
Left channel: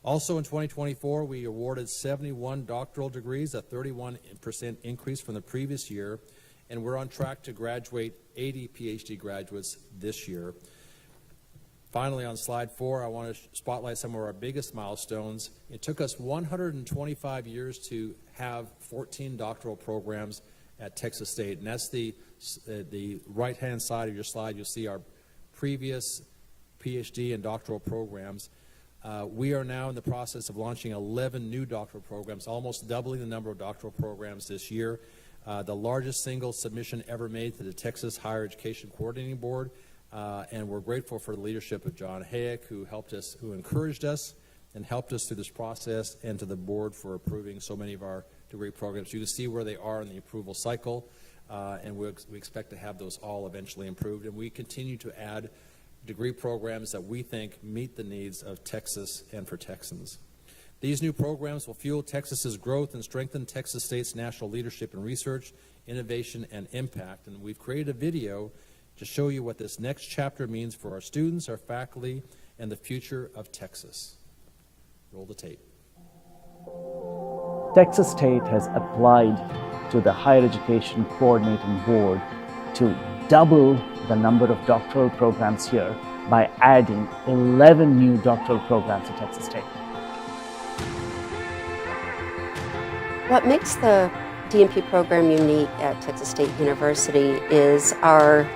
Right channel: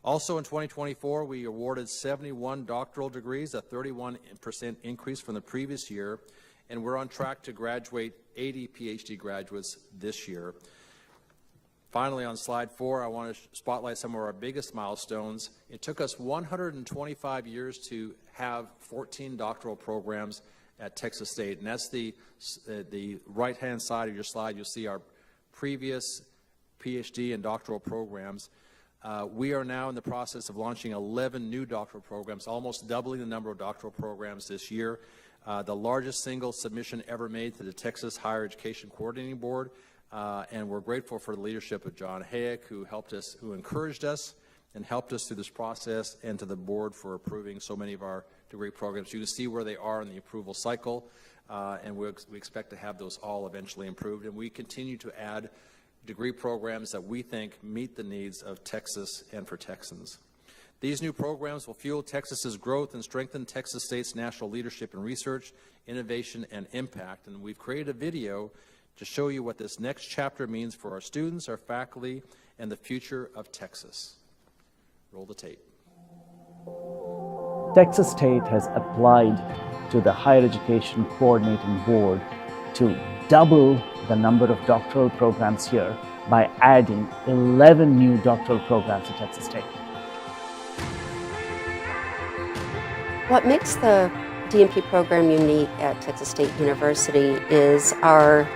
Also in 2024, we awarded 71 doctoral degrees, a 31% increase from the previous year, and we're on track to graduate 80 PhD graduates this year. Finally, on slide 4, I want to spotlight some of our biggest milestones. It took us 125 years to have 14 doctoral programs at Texas State, and that's the right-hand side of your slide. You'll see our previous PhD and doctoral programs. We are now in the process of launching 11 new doctoral programs, almost doubling the number of doctoral programs this year. The largest single submission ever made to the Texas Higher Education Coordinating Board. And we're grateful for the leadership of John Hayek, who encouraged us and helped us through this process, and to the board for approving so many of our degree programs. You can see where they are in the approval cycle, and we expect to have those all eventually improved. And we continue to add degree programs that we think meet the needs of Texas and for Texans. These new programs will fuel Texas's growth and strengthen Texas State's national leadership in research, innovation, and impact. And we've created a video to show you what this next chapter means for our students, our faculty, and the future of Texas. Roll the tape. Texas State has applied to the Higher Education Coordinating Board to double the number of doctoral programs here by adding 11 new doctoral programs to Texas State. What makes the DNP program unique at Texas State University is our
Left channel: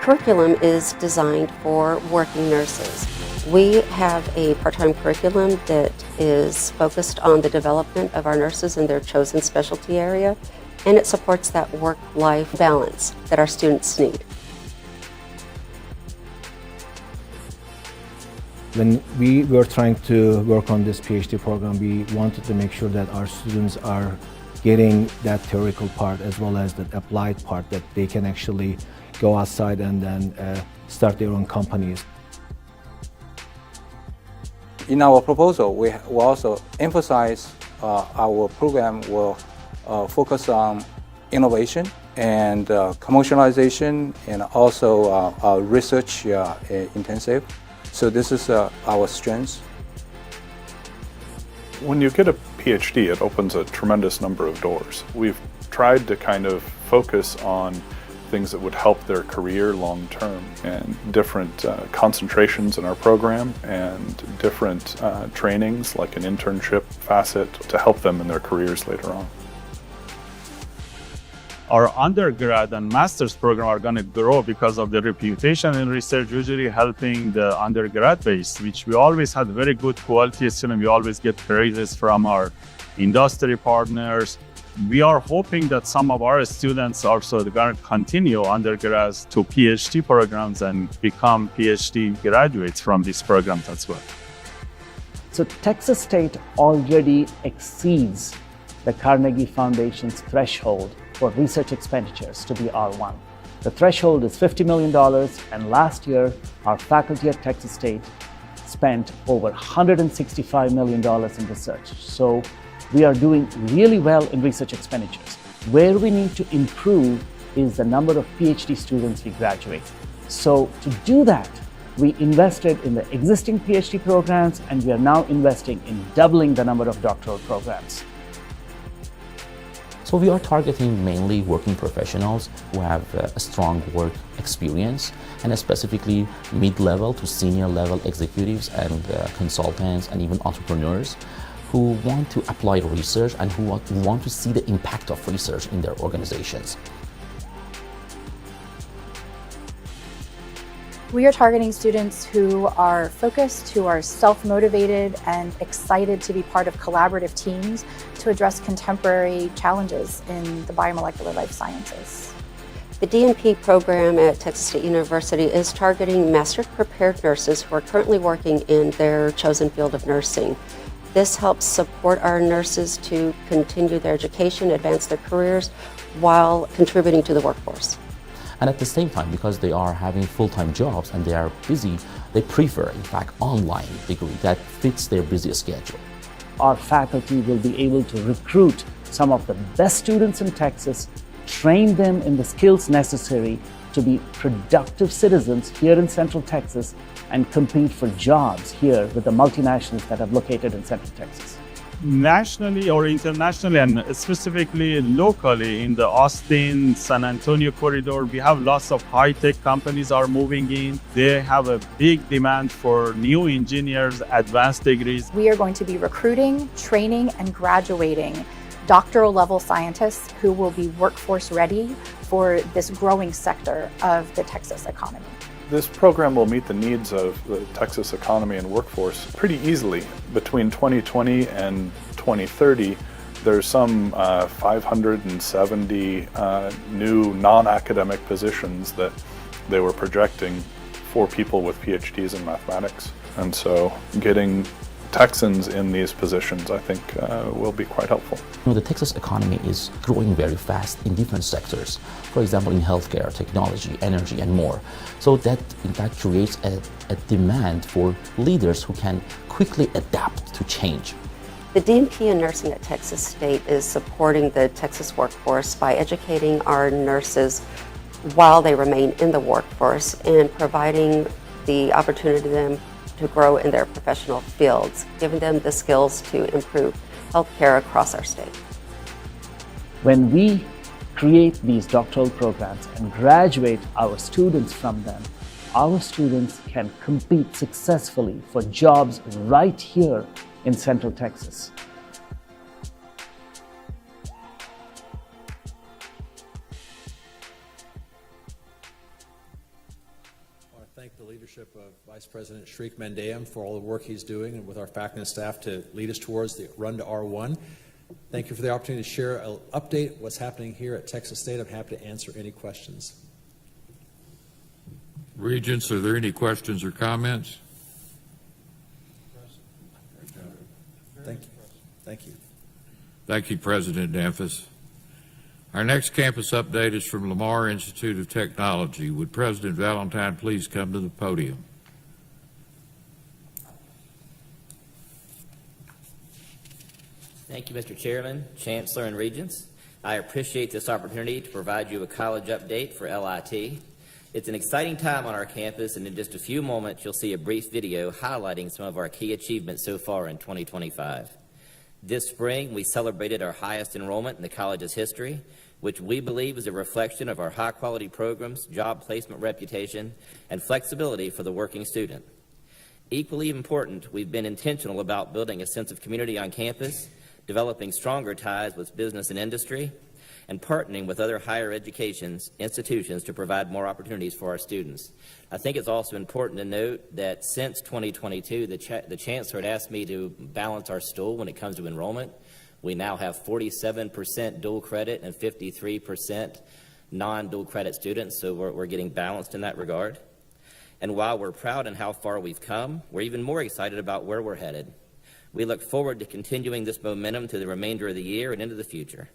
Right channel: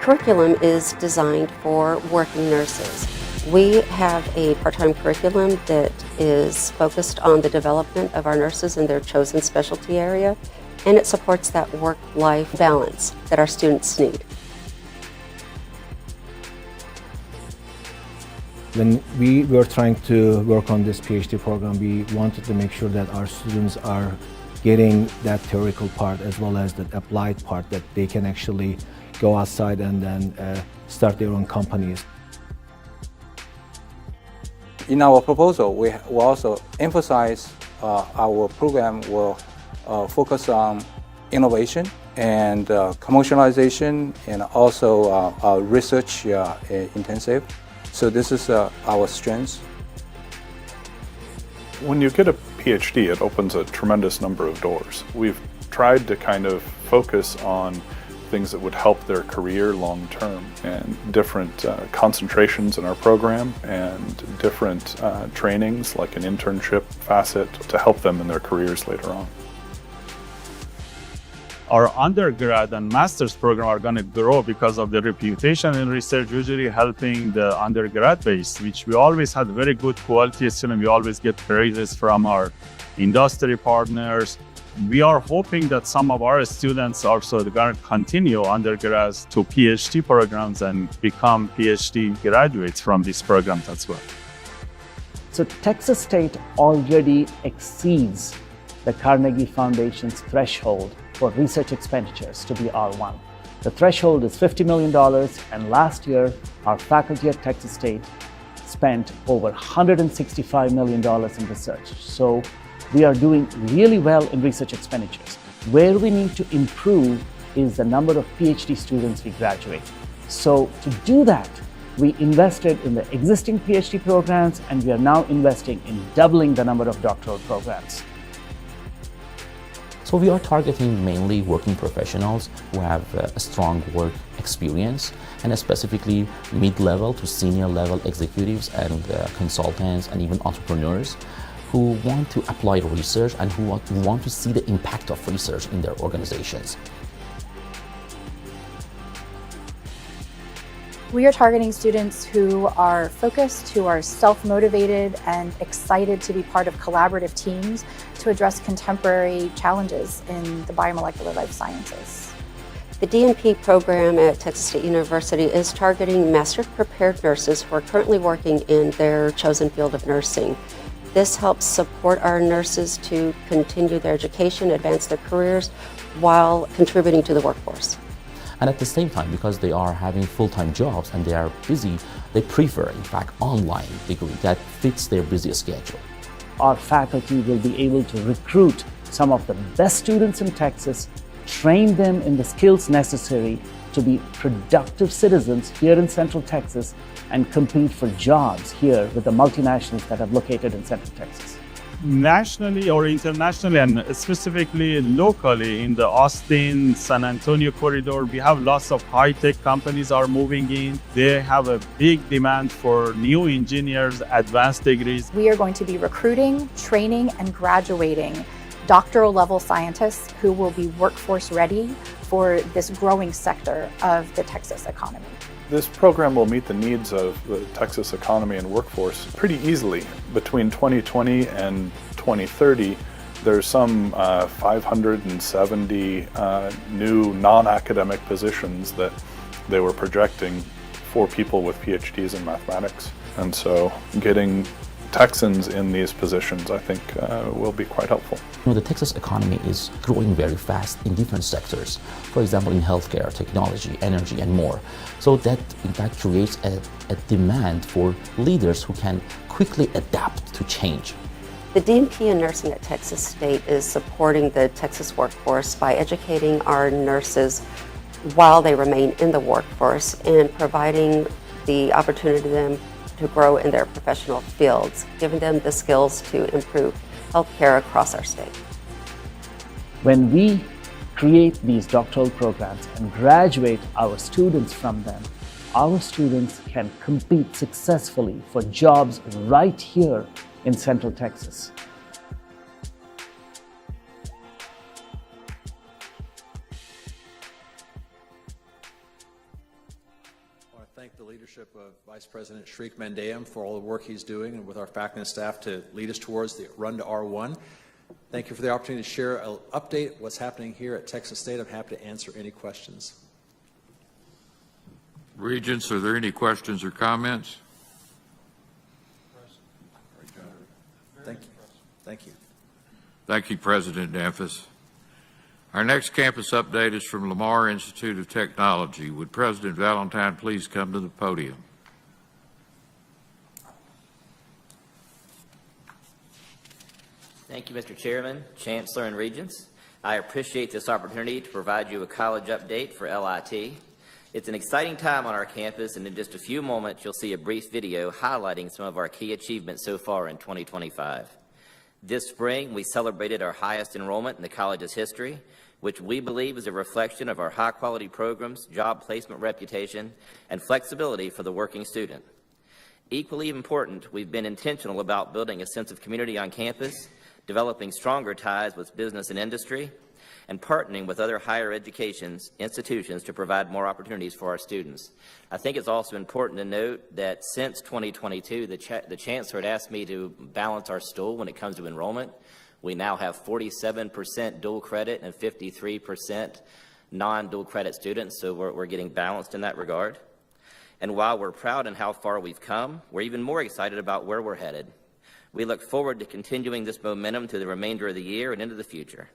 curriculum is designed for working nurses. We have a part-time curriculum that is focused on the development of our nurses in their chosen specialty area, and it supports that work-life balance that our students need. When we were trying to work on this PhD program, we wanted to make sure that our students are getting that theoretical part as well as that applied part, that they can actually go outside and then start their own companies. In our proposal, we will also emphasize our program will focus on innovation and commercialization, and also research intensive. So this is our strength. When you get a PhD, it opens a tremendous number of doors. We've tried to kind of focus on things that would help their career long term, and different concentrations in our program, and different trainings like an internship facet to help them in their careers later on. Our undergrad and master's program are going to grow because of the reputation in research, usually helping the undergrad base, which we always had very good quality students. We always get praises from our industry partners. We are hoping that some of our students also are going to continue undergrads to PhD programs and become PhD graduates from these programs as well. So Texas State already exceeds the Carnegie Foundation's threshold for research expenditures to be R1. The threshold is $50 million, and last year, our faculty at Texas State spent over $165 million in research. So we are doing really well in research expenditures. Where we need to improve is the number of PhD students we graduate. So to do that, we invested in the existing PhD programs, and we are now investing in doubling the number of doctoral programs. So we are targeting mainly working professionals who have a strong work experience, and specifically mid-level to senior level executives and consultants and even entrepreneurs who want to apply research and who want to see the impact of research in their organizations. We are targeting students who are focused, who are self-motivated and excited to be part of collaborative teams to address contemporary challenges in the biomolecular life sciences. The DNP program at Texas State University is targeting master's prepared nurses who are currently working in their chosen field of nursing. This helps support our nurses to continue their education, advance their careers, while contributing to the workforce. And at the same time, because they are having full-time jobs and they are busy, they prefer, in fact, online degree that fits their busy schedule. Our faculty will be able to recruit some of the best students in Texas, train them in the skills necessary to be productive citizens here in Central Texas and compete for jobs here with the multinationals that are located in Central Texas. Nationally or internationally, and specifically locally in the Austin, San Antonio corridor, we have lots of high-tech companies are moving in. They have a big demand for new engineers, advanced degrees. We are going to be recruiting, training, and graduating doctoral level scientists who will be workforce ready for this growing sector of the Texas economy. This program will meet the needs of the Texas economy and workforce pretty easily. Between 2020 and 2030, there's some 570 new non-academic positions that they were projecting for people with PhDs in mathematics. And so getting Texans in these positions, I think, will be quite helpful. The Texas economy is growing very fast in different sectors. For example, in healthcare, technology, energy, and more. So that, in fact, creates a demand for leaders who can quickly adapt to change. The DNP in nursing at Texas State is supporting the Texas workforce by educating our nurses while they remain in the workforce and providing the opportunity to them to grow in their professional fields, giving them the skills to improve healthcare across our state. When we create these doctoral programs and graduate our students from them, our students can compete successfully for jobs right here in Central Texas. Vice President Shriek Mandeum for all the work he's doing and with our faculty and staff to lead us towards the run to R1. Thank you for the opportunity to share an update of what's happening here at Texas State. I'm happy to answer any questions. Regents, are there any questions or comments? Thank you. Thank you. Thank you, President Danfus. Our next campus update is from Lamar Institute of Technology. Would President Valentine please come to the podium? Thank you, Mr. Chairman, Chancellor, and Regents. I appreciate this opportunity to provide you a college update for LIT. It's an exciting time on our campus, and in just a few moments, you'll see a brief video highlighting some of our key achievements so far in 2025. This spring, we celebrated our highest enrollment in the college's history, which we believe is a reflection of our high-quality programs, job placement reputation, and flexibility for the working student. Equally important, we've been intentional about building a sense of community on campus, developing stronger ties with business and industry, and partnering with other higher education institutions to provide more opportunities for our students. I think it's also important to note that since 2022, the Chancellor had asked me to balance our stool when it comes to enrollment. We now have 47% dual credit and 53% non-dual credit students, so we're getting balanced in that regard. And while we're proud in how far we've come, we're even more excited about where we're headed. We look forward to continuing this momentum through the remainder of the year and into the future.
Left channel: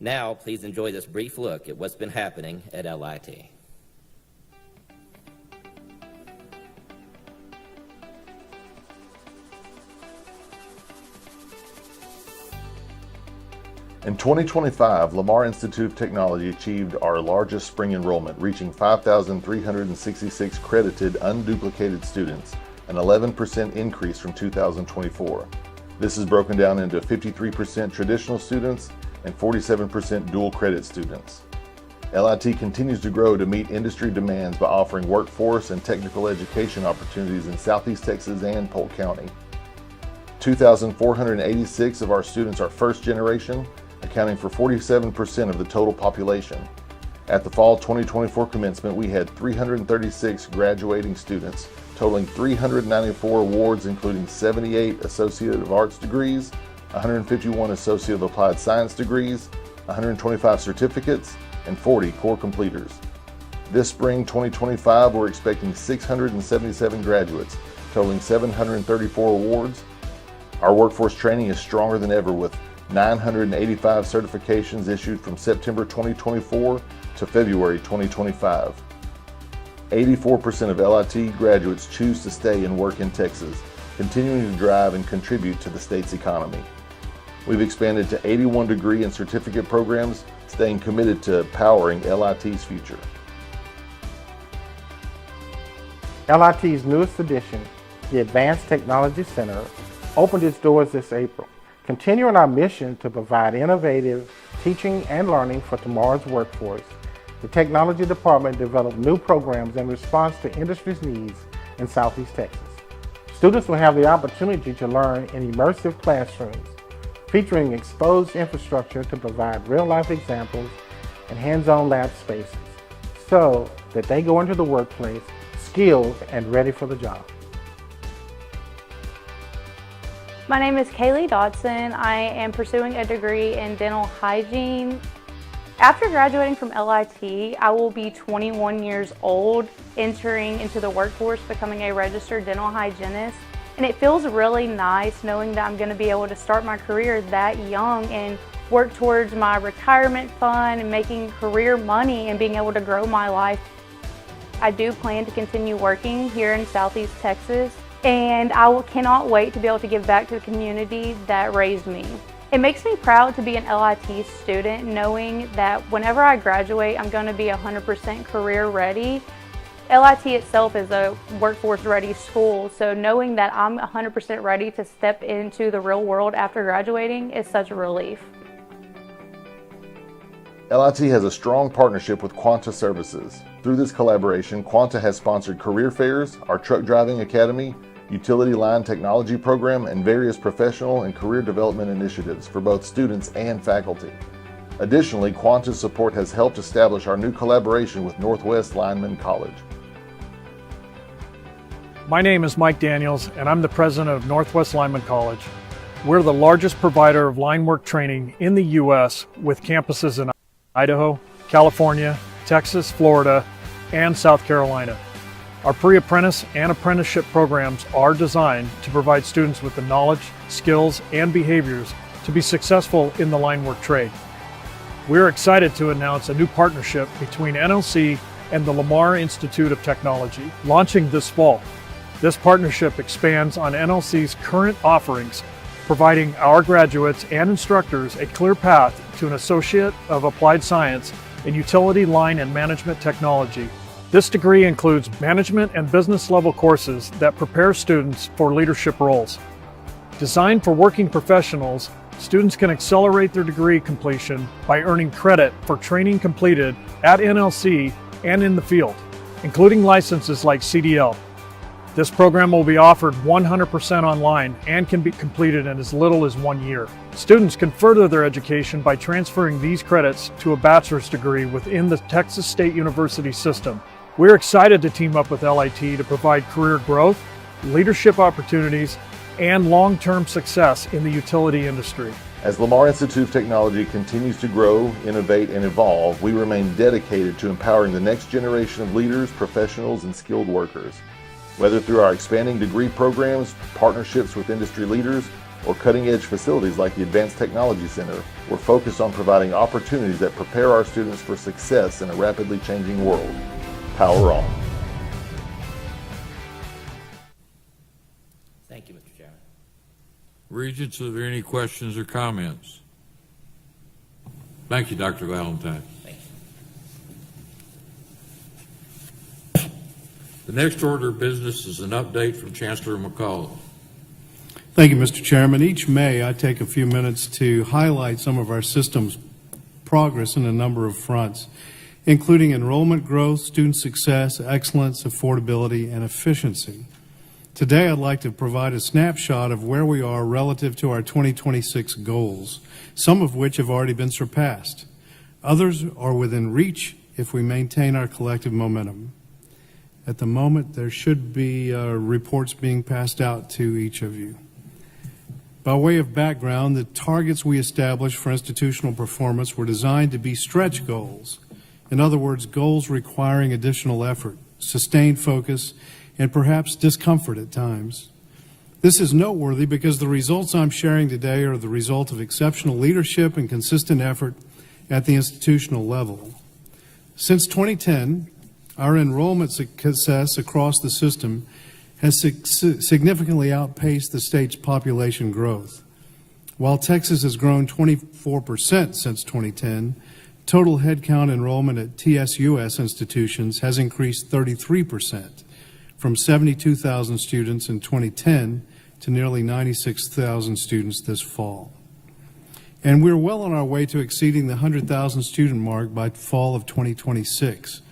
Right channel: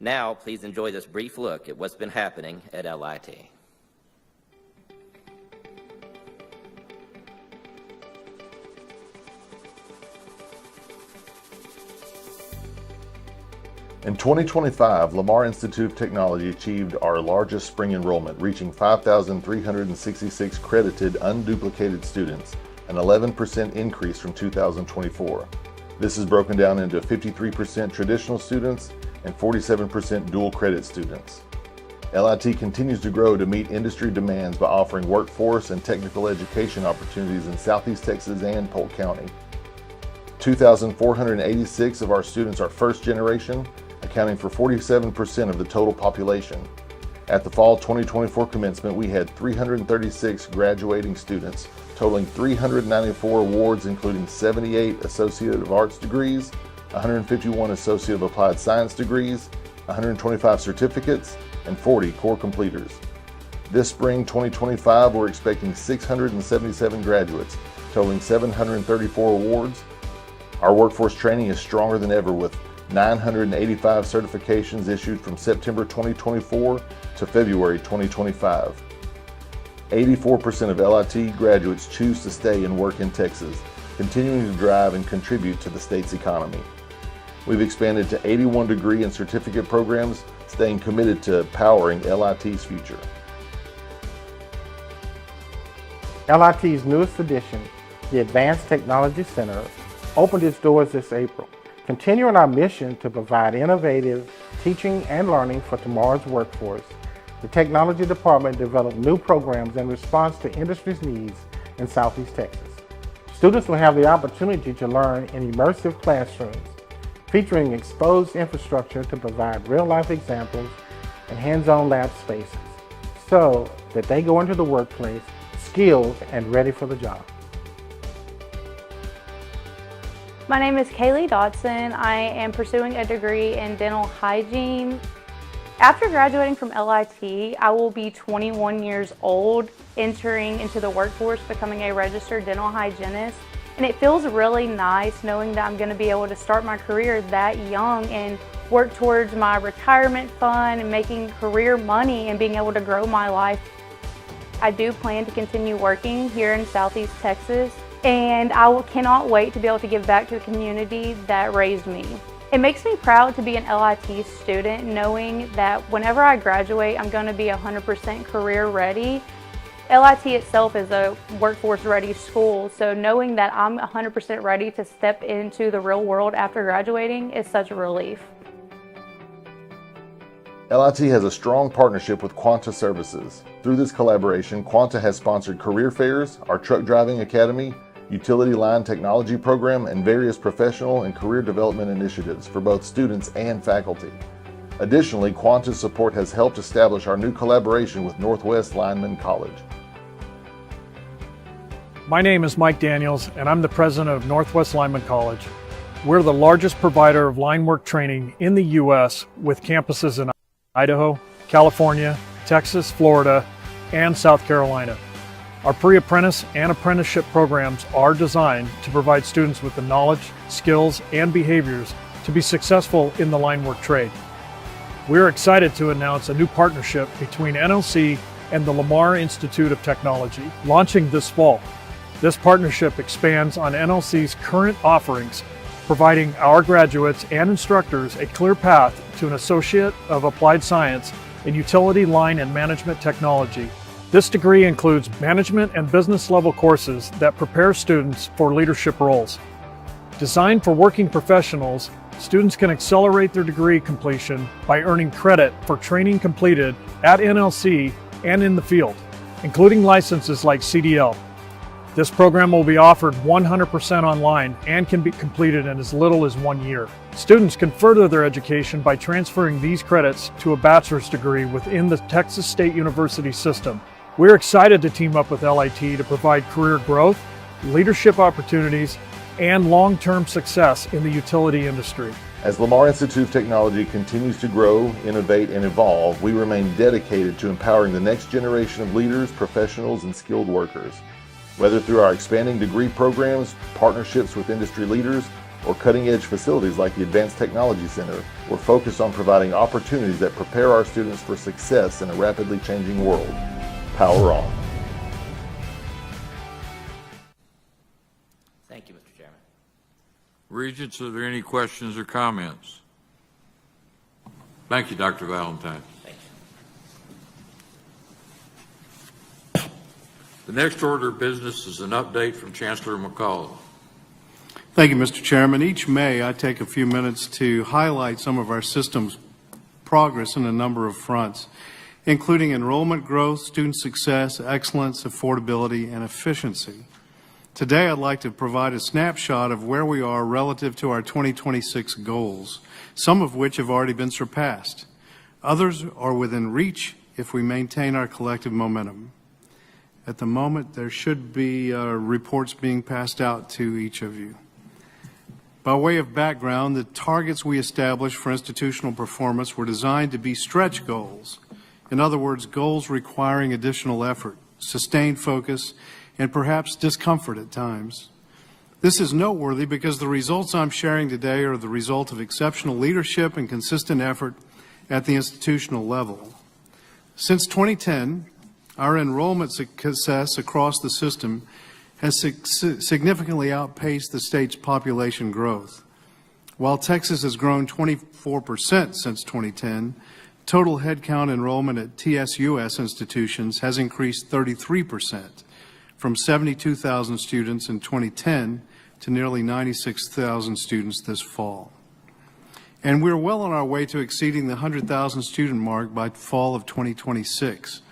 Now, please enjoy this brief look at what's been happening at LIT. In 2025, Lamar Institute of Technology achieved our largest spring enrollment, reaching 5,366 credited, unduplicated students, an 11% increase from 2024. This is broken down into 53% traditional students and 47% dual credit students. LIT continues to grow to meet industry demands by offering workforce and technical education opportunities in Southeast Texas and Polk County. 2,486 of our students are first generation, accounting for 47% of the total population. At the fall 2024 commencement, we had 336 graduating students, totaling 394 awards, including 78 Associate of Arts degrees, 151 Associate of Applied Science degrees, 125 certificates, and 40 core completers. This spring 2025, we're expecting 677 graduates, totaling 734 awards. Our workforce training is stronger than ever, with 985 certifications issued from September 2024 to February 2025. 84% of LIT graduates choose to stay and work in Texas, continuing to drive and contribute to the state's economy. We've expanded to 81 degree and certificate programs, staying committed to powering LIT's future. LIT's newest addition, the Advanced Technology Center, opened its doors this April, continuing our mission to provide innovative teaching and learning for tomorrow's workforce. The Technology Department developed new programs in response to industry's needs in Southeast Texas. Students will have the opportunity to learn in immersive classrooms, featuring exposed infrastructure to provide real-life examples and hands-on lab spaces, so that they go into the workplace skilled and ready for the job. My name is Kaylee Dodson. I am pursuing a degree in dental hygiene. After graduating from LIT, I will be 21 years old, entering into the workforce, becoming a registered dental hygienist. And it feels really nice knowing that I'm going to be able to start my career that young and work towards my retirement fund and making career money and being able to grow my life. I do plan to continue working here in Southeast Texas, and I cannot wait to be able to give back to the community that raised me. It makes me proud to be an LIT student, knowing that whenever I graduate, I'm going to be 100% career ready. LIT itself is a workforce ready school, so knowing that I'm 100% ready to step into the real world after graduating is such a relief. LIT has a strong partnership with Quanta Services. Through this collaboration, Quanta has sponsored career fairs, our truck driving academy, utility line technology program, and various professional and career development initiatives for both students and faculty. Additionally, Quanta's support has helped establish our new collaboration with Northwest Lineman College. My name is Mike Daniels, and I'm the president of Northwest Lineman College. We're the largest provider of line work training in the U.S. with campuses in Idaho, California, Texas, Florida, and South Carolina. Our pre-apprentice and apprenticeship programs are designed to provide students with the knowledge, skills, and behaviors to be successful in the line work trade. We're excited to announce a new partnership between NLC and the Lamar Institute of Technology, launching this fall. This partnership expands on NLC's current offerings, providing our graduates and instructors a clear path to an Associate of Applied Science in Utility Line and Management Technology. This degree includes management and business level courses that prepare students for leadership roles. Designed for working professionals, students can accelerate their degree completion by earning credit for training completed at NLC and in the field, including licenses like CDL. This program will be offered 100% online and can be completed in as little as 1 year. Students can further their education by transferring these credits to a bachelor's degree within the Texas State University system. We're excited to team up with LIT to provide career growth, leadership opportunities, and long-term success in the utility industry. As Lamar Institute of Technology continues to grow, innovate, and evolve, we remain dedicated to empowering the next generation of leaders, professionals, and skilled workers. Whether through our expanding degree programs, partnerships with industry leaders, or cutting-edge facilities like the Advanced Technology Center, we're focused on providing opportunities that prepare our students for success in a rapidly changing world. Power on. Thank you, Mr. Chairman. Regents, are there any questions or comments? Thank you, Dr. Valentine. The next order of business is an update from Chancellor McCullough. Thank you, Mr. Chairman. Each May, I take a few minutes to highlight some of our system's progress in a number of fronts, including enrollment growth, student success, excellence, affordability, and efficiency. Today, I'd like to provide a snapshot of where we are relative to our 2026 goals, some of which have already been surpassed. Others are within reach if we maintain our collective momentum. At the moment, there should be reports being passed out to each of you. By way of background, the targets we established for institutional performance were designed to be stretch goals. In other words, goals requiring additional effort, sustained focus, and perhaps discomfort at times. This is noteworthy because the results I'm sharing today are the result of exceptional leadership and consistent effort at the institutional level. Since 2010, our enrollment success across the system has significantly outpaced the state's population growth. While Texas has grown 24% since 2010, total headcount enrollment at TSUS institutions has increased 33%, from 72,000 students in 2010 to nearly 96,000 students this fall. And we're well on our way to exceeding the 100,000 student mark by fall of 2026.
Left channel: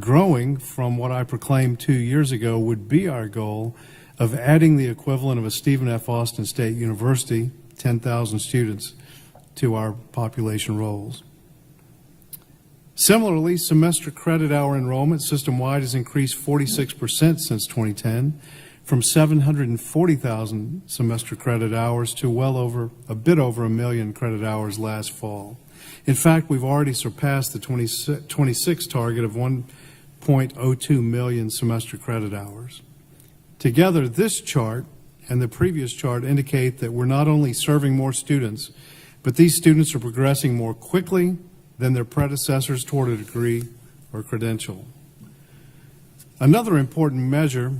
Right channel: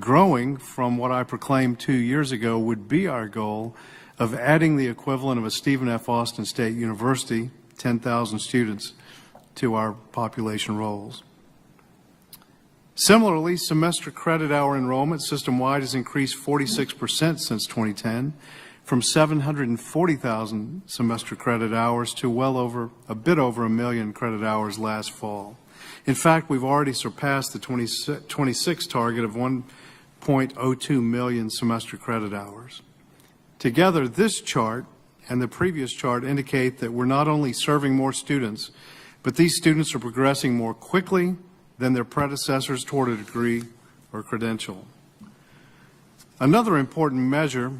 Growing from what I proclaimed 2 years ago would be our goal of adding the equivalent of a Stephen F. Austin State University, 10,000 students, to our population rolls. Similarly, semester credit hour enrollment system-wide has increased 46% since 2010, from 740,000 semester credit hours to a bit over 1 million credit hours last fall. In fact, we've already surpassed the 26 target of 1.02 million semester credit hours. Together, this chart and the previous chart indicate that we're not only serving more students, but these students are progressing more quickly than their predecessors toward a degree or credential. Another important measure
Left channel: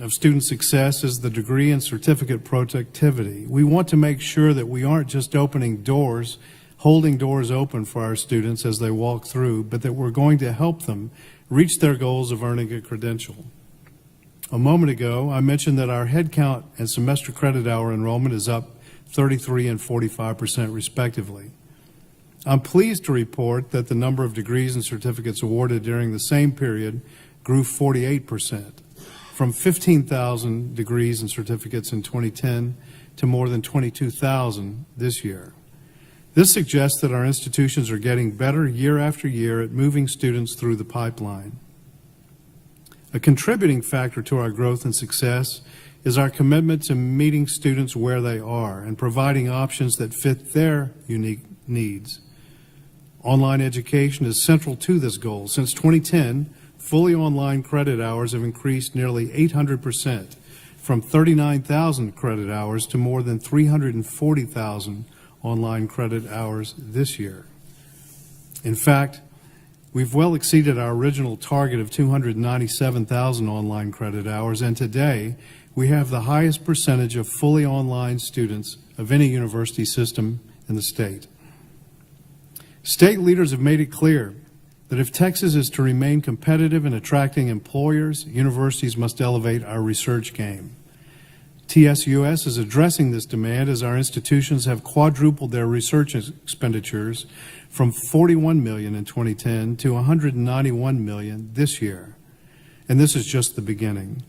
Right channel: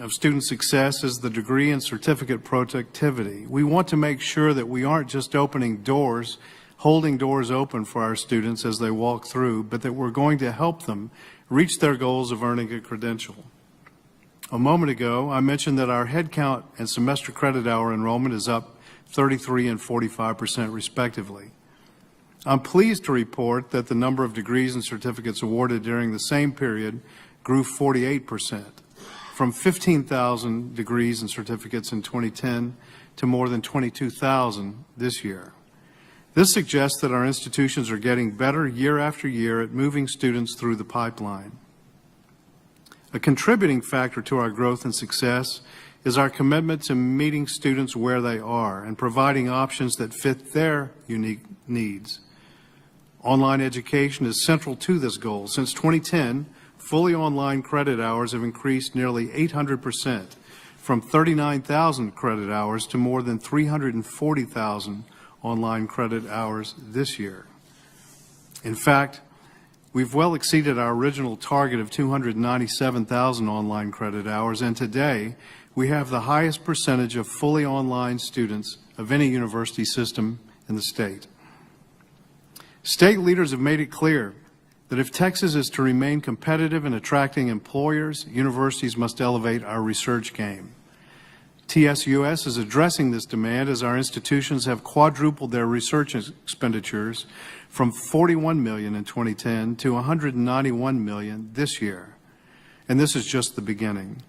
of student success is the degree and certificate productivity. We want to make sure that we aren't just opening doors, holding doors open for our students as they walk through, but that we're going to help them reach their goals of earning a credential. A moment ago, I mentioned that our headcount and semester credit hour enrollment is up 33% and 45% respectively. I'm pleased to report that the number of degrees and certificates awarded during the same period grew 48%, from 15,000 degrees and certificates in 2010 to more than 22,000 this year. This suggests that our institutions are getting better year after year at moving students through the pipeline. A contributing factor to our growth and success is our commitment to meeting students where they are and providing options that fit their unique needs. Online education is central to this goal. Since 2010, fully online credit hours have increased nearly 800%, from 39,000 credit hours to more than 340,000 online credit hours this year. In fact, we've well exceeded our original target of 297,000 online credit hours, and today we have the highest percentage of fully online students of any university system in the state. State leaders have made it clear that if Texas is to remain competitive in attracting employers, universities must elevate our research game. TSUS is addressing this demand as our institutions have quadrupled their research expenditures from $41 million in 2010 to $191 million this year. And this is just the beginning.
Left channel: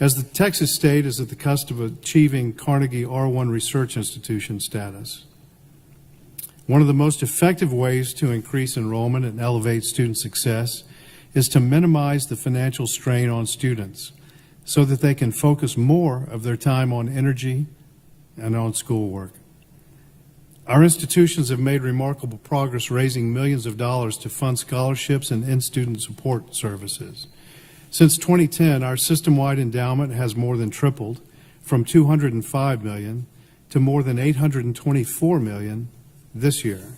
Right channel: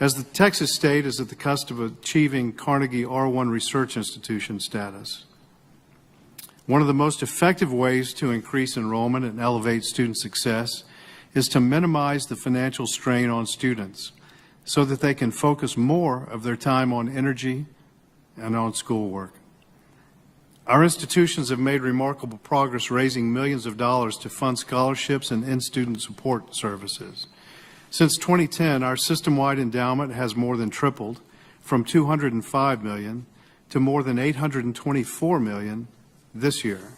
As the Texas state is at the cusp of achieving Carnegie R1 Research Institution status, one of the most effective ways to increase enrollment and elevate student success is to minimize the financial strain on students so that they can focus more of their time on energy and on schoolwork. Our institutions have made remarkable progress raising millions of dollars to fund scholarships and in-student support services. Since 2010, our system-wide endowment has more than tripled from $205 million to more than $824 million this year.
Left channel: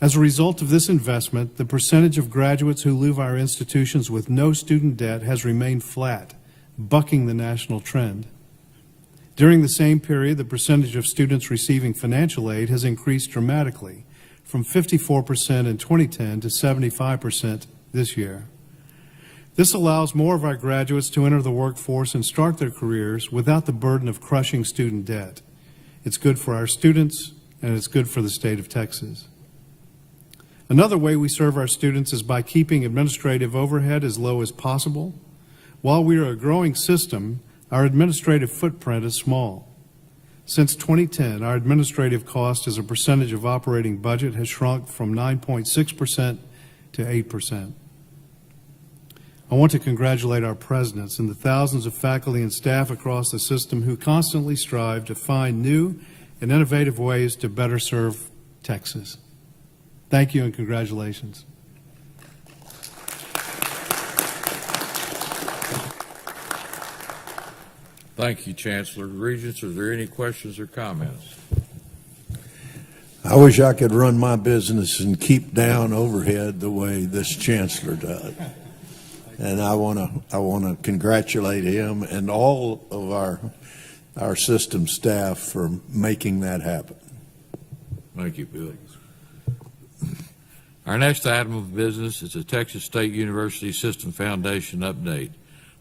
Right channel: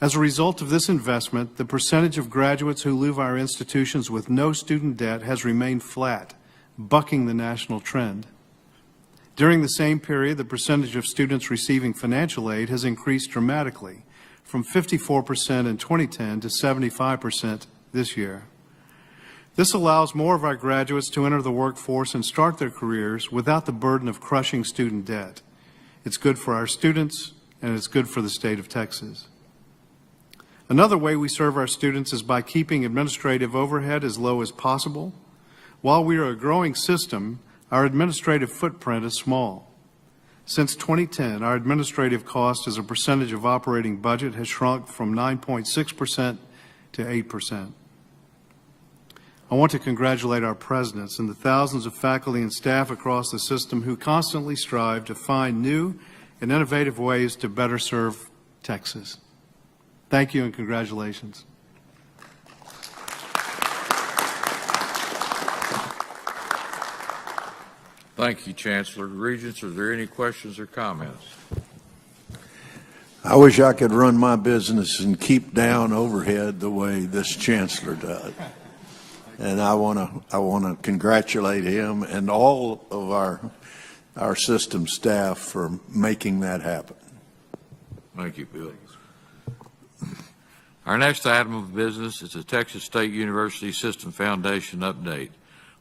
As a result of this investment, the percentage of graduates who leave our institutions with no student debt has remained flat, bucking the national trend. During the same period, the percentage of students receiving financial aid has increased dramatically, from 54% in 2010 to 75% this year. This allows more of our graduates to enter the workforce and start their careers without the burden of crushing student debt. It's good for our students, and it's good for the state of Texas. Another way we serve our students is by keeping administrative overhead as low as possible. While we are a growing system, our administrative footprint is small. Since 2010, our administrative cost as a percentage of operating budget has shrunk from 9.6% to 8%. I want to congratulate our presidents and the thousands of faculty and staff across the system who constantly strive to find new and innovative ways to better serve Texas. Thank you and congratulations. Thank you, Chancellor. Regents, are there any questions or comments? I wish I could run my business and keep down overhead the way this chancellor does. And I want to congratulate him and all of our system staff for making that happen. Thank you, Bill. Our next item of business is the Texas State University System Foundation update.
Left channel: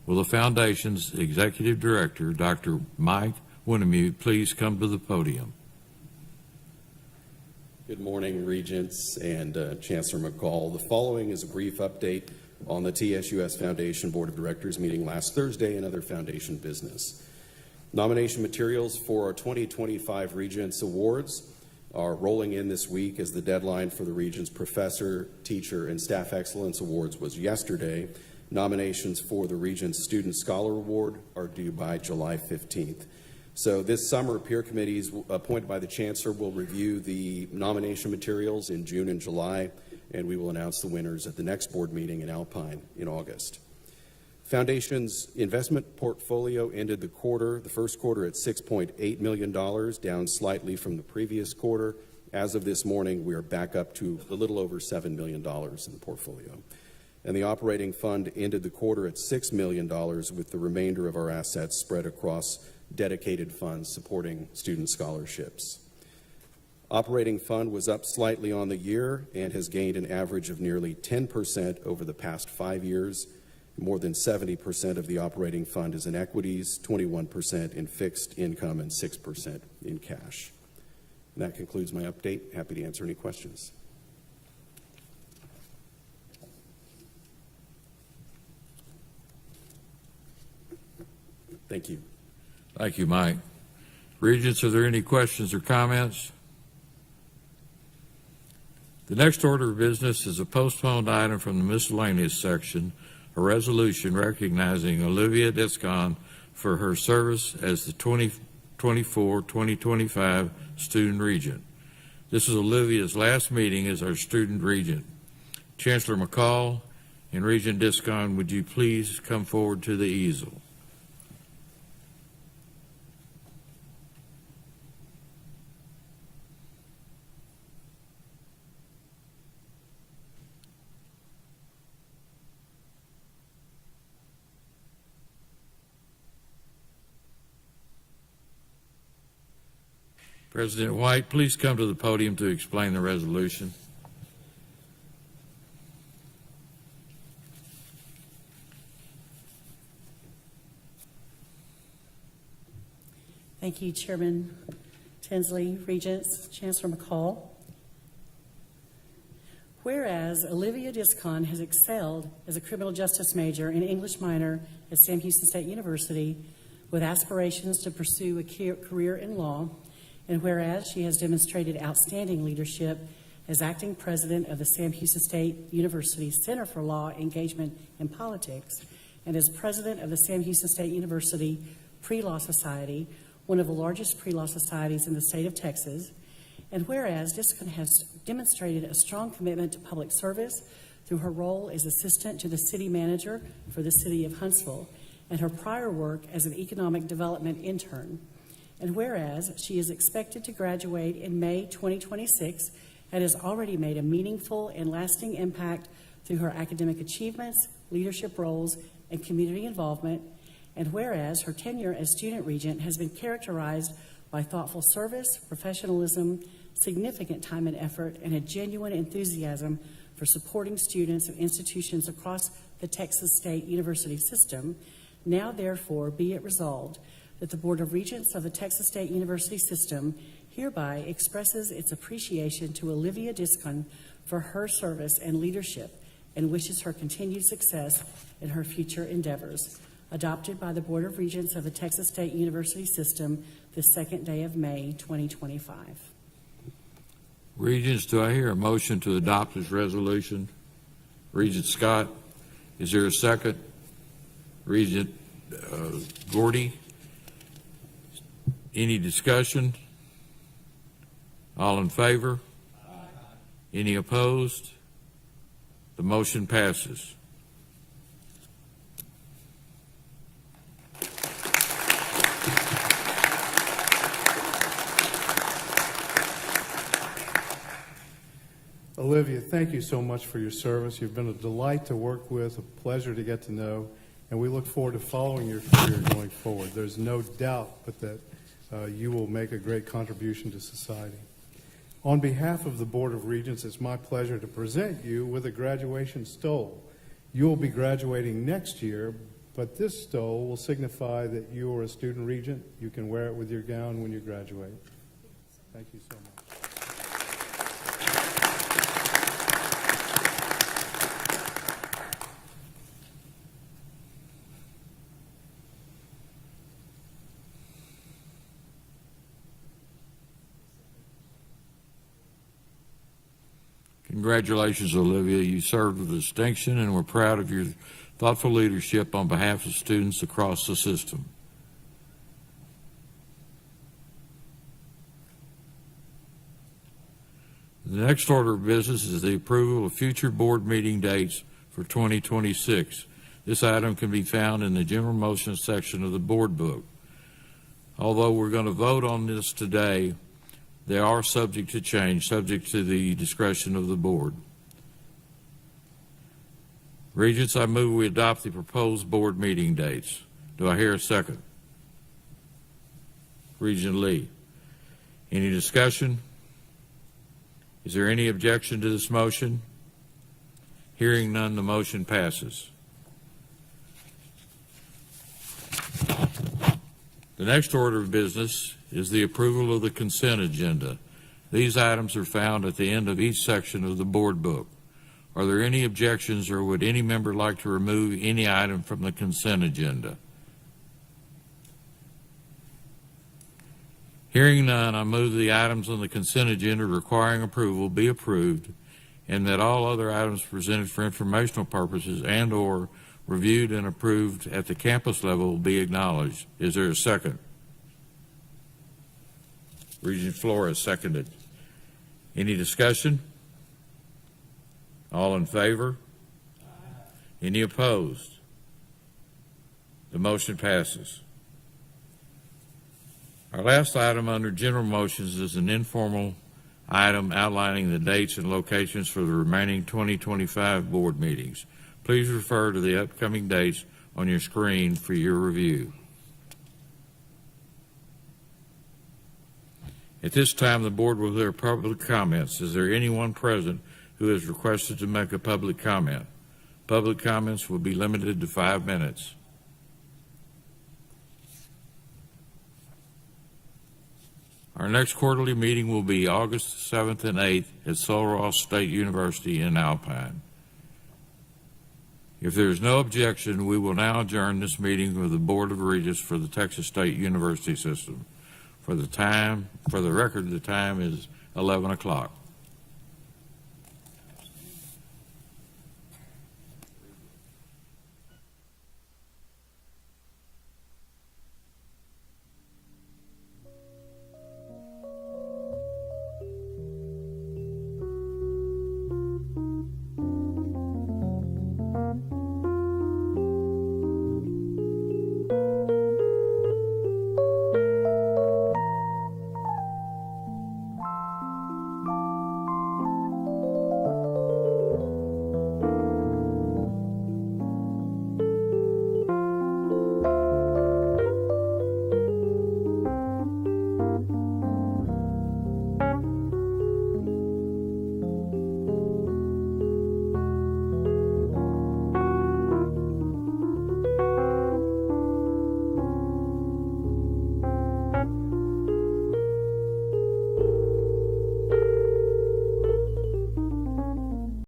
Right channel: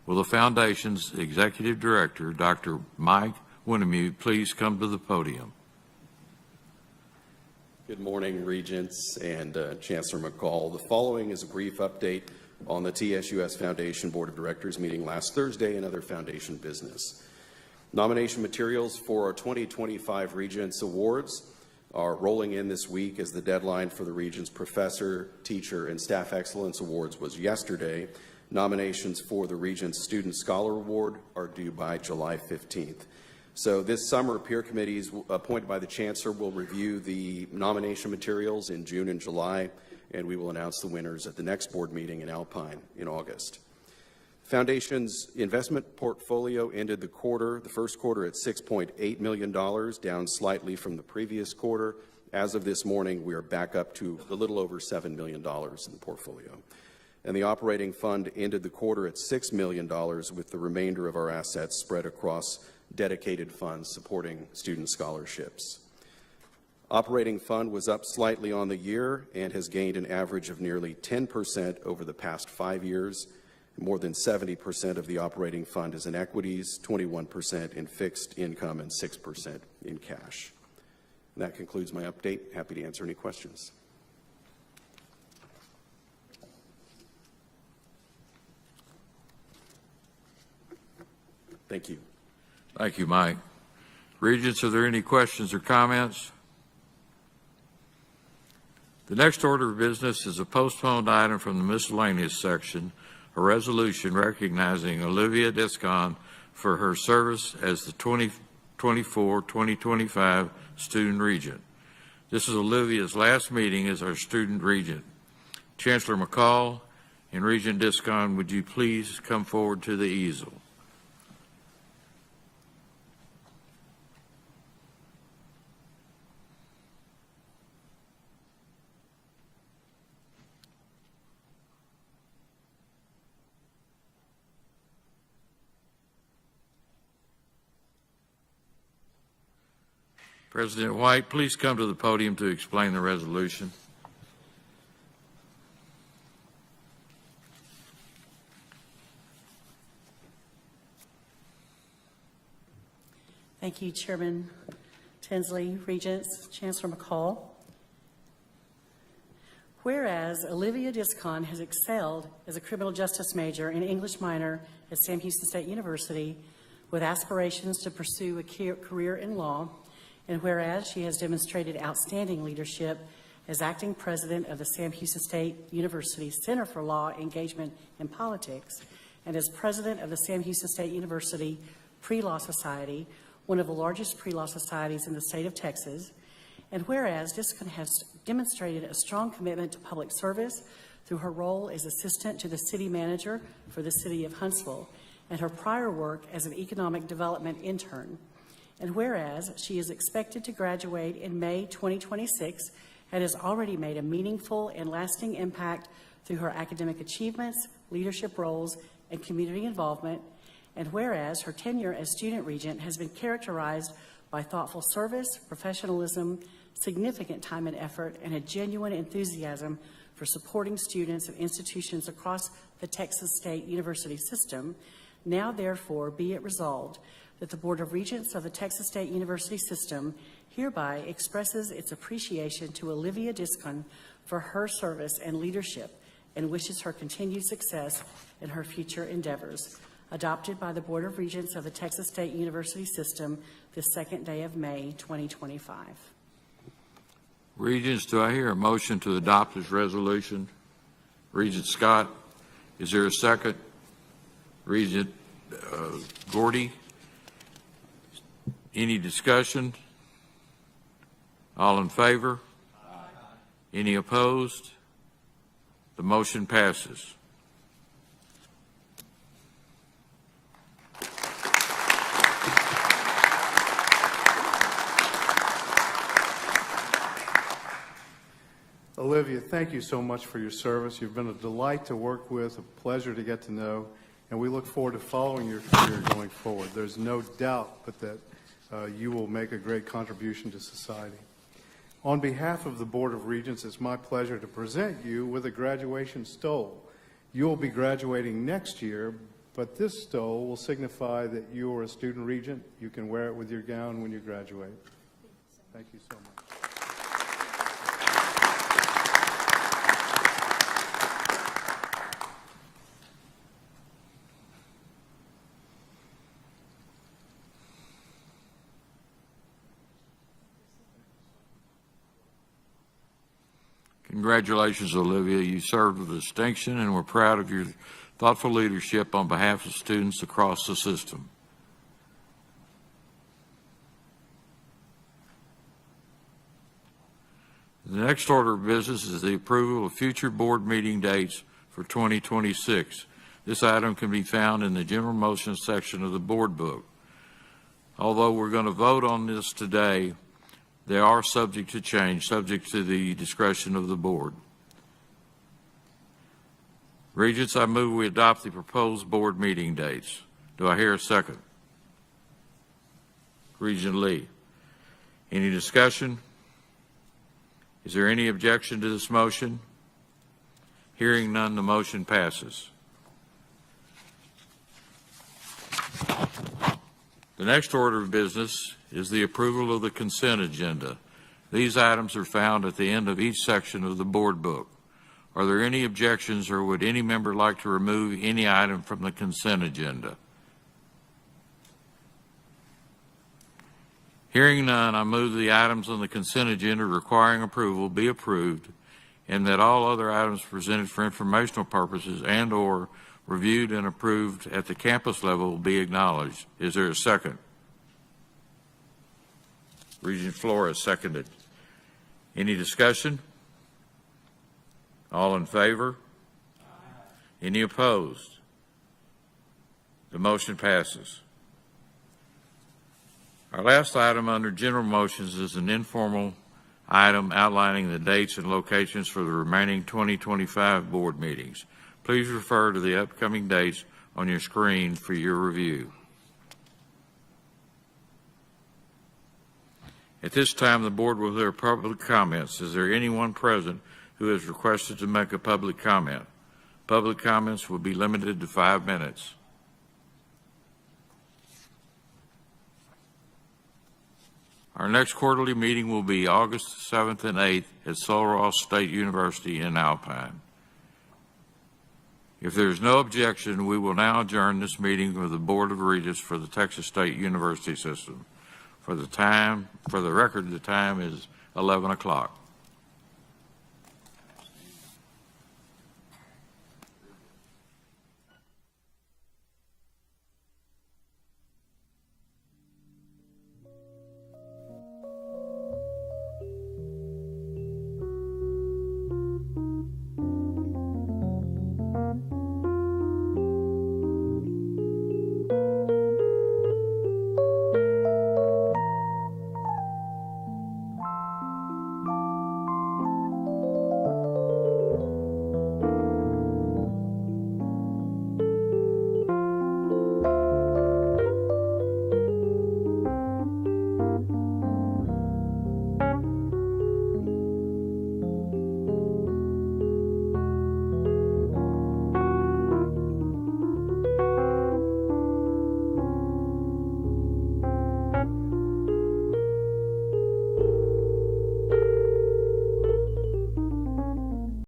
Will the Foundation's Executive Director, Dr. Mike Winnemute, please come to the podium? Good morning, Regents and Chancellor McCall. The following is a brief update on the TSUS Foundation Board of Directors meeting last Thursday and other Foundation business. Nomination materials for our 2025 Regents Awards are rolling in this week as the deadline for the Regents Professor, Teacher, and Staff Excellence Awards was yesterday. Nominations for the Regents Student Scholar Award are due by July 15th. So this summer, peer committees appointed by the Chancellor will review the nomination materials in June and July, and we will announce the winners at the next board meeting in Alpine in August. Foundation's investment portfolio ended the first quarter at $6.8 million, down slightly from the previous quarter. As of this morning, we are back up to a little over $7 million in the portfolio. And the operating fund ended the quarter at $6 million, with the remainder of our assets spread across dedicated funds supporting student scholarships. Operating fund was up slightly on the year and has gained an average of nearly 10% over the past 5 years. More than 70% of the operating fund is in equities, 21% in fixed income, and 6% in cash. And that concludes my update. Happy to answer any questions. Thank you. Thank you, Mike. Regents, are there any questions or comments? The next order of business is a postponed item from the miscellaneous section, a resolution recognizing Olivia Descon for her service as the 2024-2025 Student Regent. This is Olivia's last meeting as our Student Regent. Chancellor McCall and Regent Descon, would you please come forward to the easel? President White, please come to the podium to explain the resolution. Thank you, Chairman Tinsley, Regents, Chancellor McCall. Whereas Olivia Descon has excelled as a criminal justice major and English minor at Sam Houston State University with aspirations to pursue a career in law, and whereas she has demonstrated outstanding leadership as acting president of the Sam Houston State University Center for Law, Engagement, and Politics, and as president of the Sam Houston State University Pre-Law Society, one of the largest pre-law societies in the state of Texas, and whereas Jessica has demonstrated a strong commitment to public service through her role as assistant to the city manager for the city of Huntsville and her prior work as an economic development intern. And whereas she is expected to graduate in May 2026 and has already made a meaningful and lasting impact through her academic achievements, leadership roles, and community involvement. And whereas her tenure as student regent has been characterized by thoughtful service, professionalism, significant time and effort, and a genuine enthusiasm for supporting students of institutions across the Texas State University system, now therefore be it resolved that the Board of Regents of the Texas State University system hereby expresses its appreciation to Olivia Discon for her service and leadership and wishes her continued success in her future endeavors. Adopted by the Board of Regents of the Texas State University system the second day of May 2025. Regents, do I hear a motion to adopt this resolution? Regent Scott, is there a second? Regent Gordy, any discussion? All in favor? Any opposed? The motion passes. Olivia, thank you so much for your service. You've been a delight to work with, a pleasure to get to know, and we look forward to following your career going forward. There's no doubt but that you will make a great contribution to society. On behalf of the Board of Regents, it's my pleasure to present you with a graduation stole. You will be graduating next year, but this stole will signify that you are a student regent. You can wear it with your gown when you graduate. Thank you so much. Congratulations, Olivia. You served with distinction, and we're proud of your thoughtful leadership on behalf of students across the system. The next order of business is the approval of future board meeting dates for 2026. This item can be found in the general motions section of the board book. Although we're going to vote on this today, they are subject to change, subject to the discretion of the board. Regents, I move we adopt the proposed board meeting dates. Do I hear a second? Regent Lee. Any discussion? Is there any objection to this motion? Hearing none, the motion passes. The next order of business is the approval of the consent agenda. These items are found at the end of each section of the board book. Are there any objections, or would any member like to remove any item from the consent agenda? Hearing none, I move the items on the consent agenda requiring approval be approved, and that all other items presented for informational purposes and/or reviewed and approved at the campus level will be acknowledged. Is there a second? Regent Flores, seconded. Any discussion? All in favor? Any opposed? The motion passes. Our last item under general motions is an informal item outlining the dates and locations for the remaining 2025 board meetings. Please refer to the upcoming dates on your screen for your review. At this time, the board will hear public comments. Is there anyone present who has requested to make a public comment? Public comments will be limited to 5 minutes. Our next quarterly meeting will be August 7th and 8th at Sul Ross State University in Alpine. If there's no objection, we will now adjourn this meeting of the Board of Regents for the Texas State University System. For the record, the time is 11 o'clock.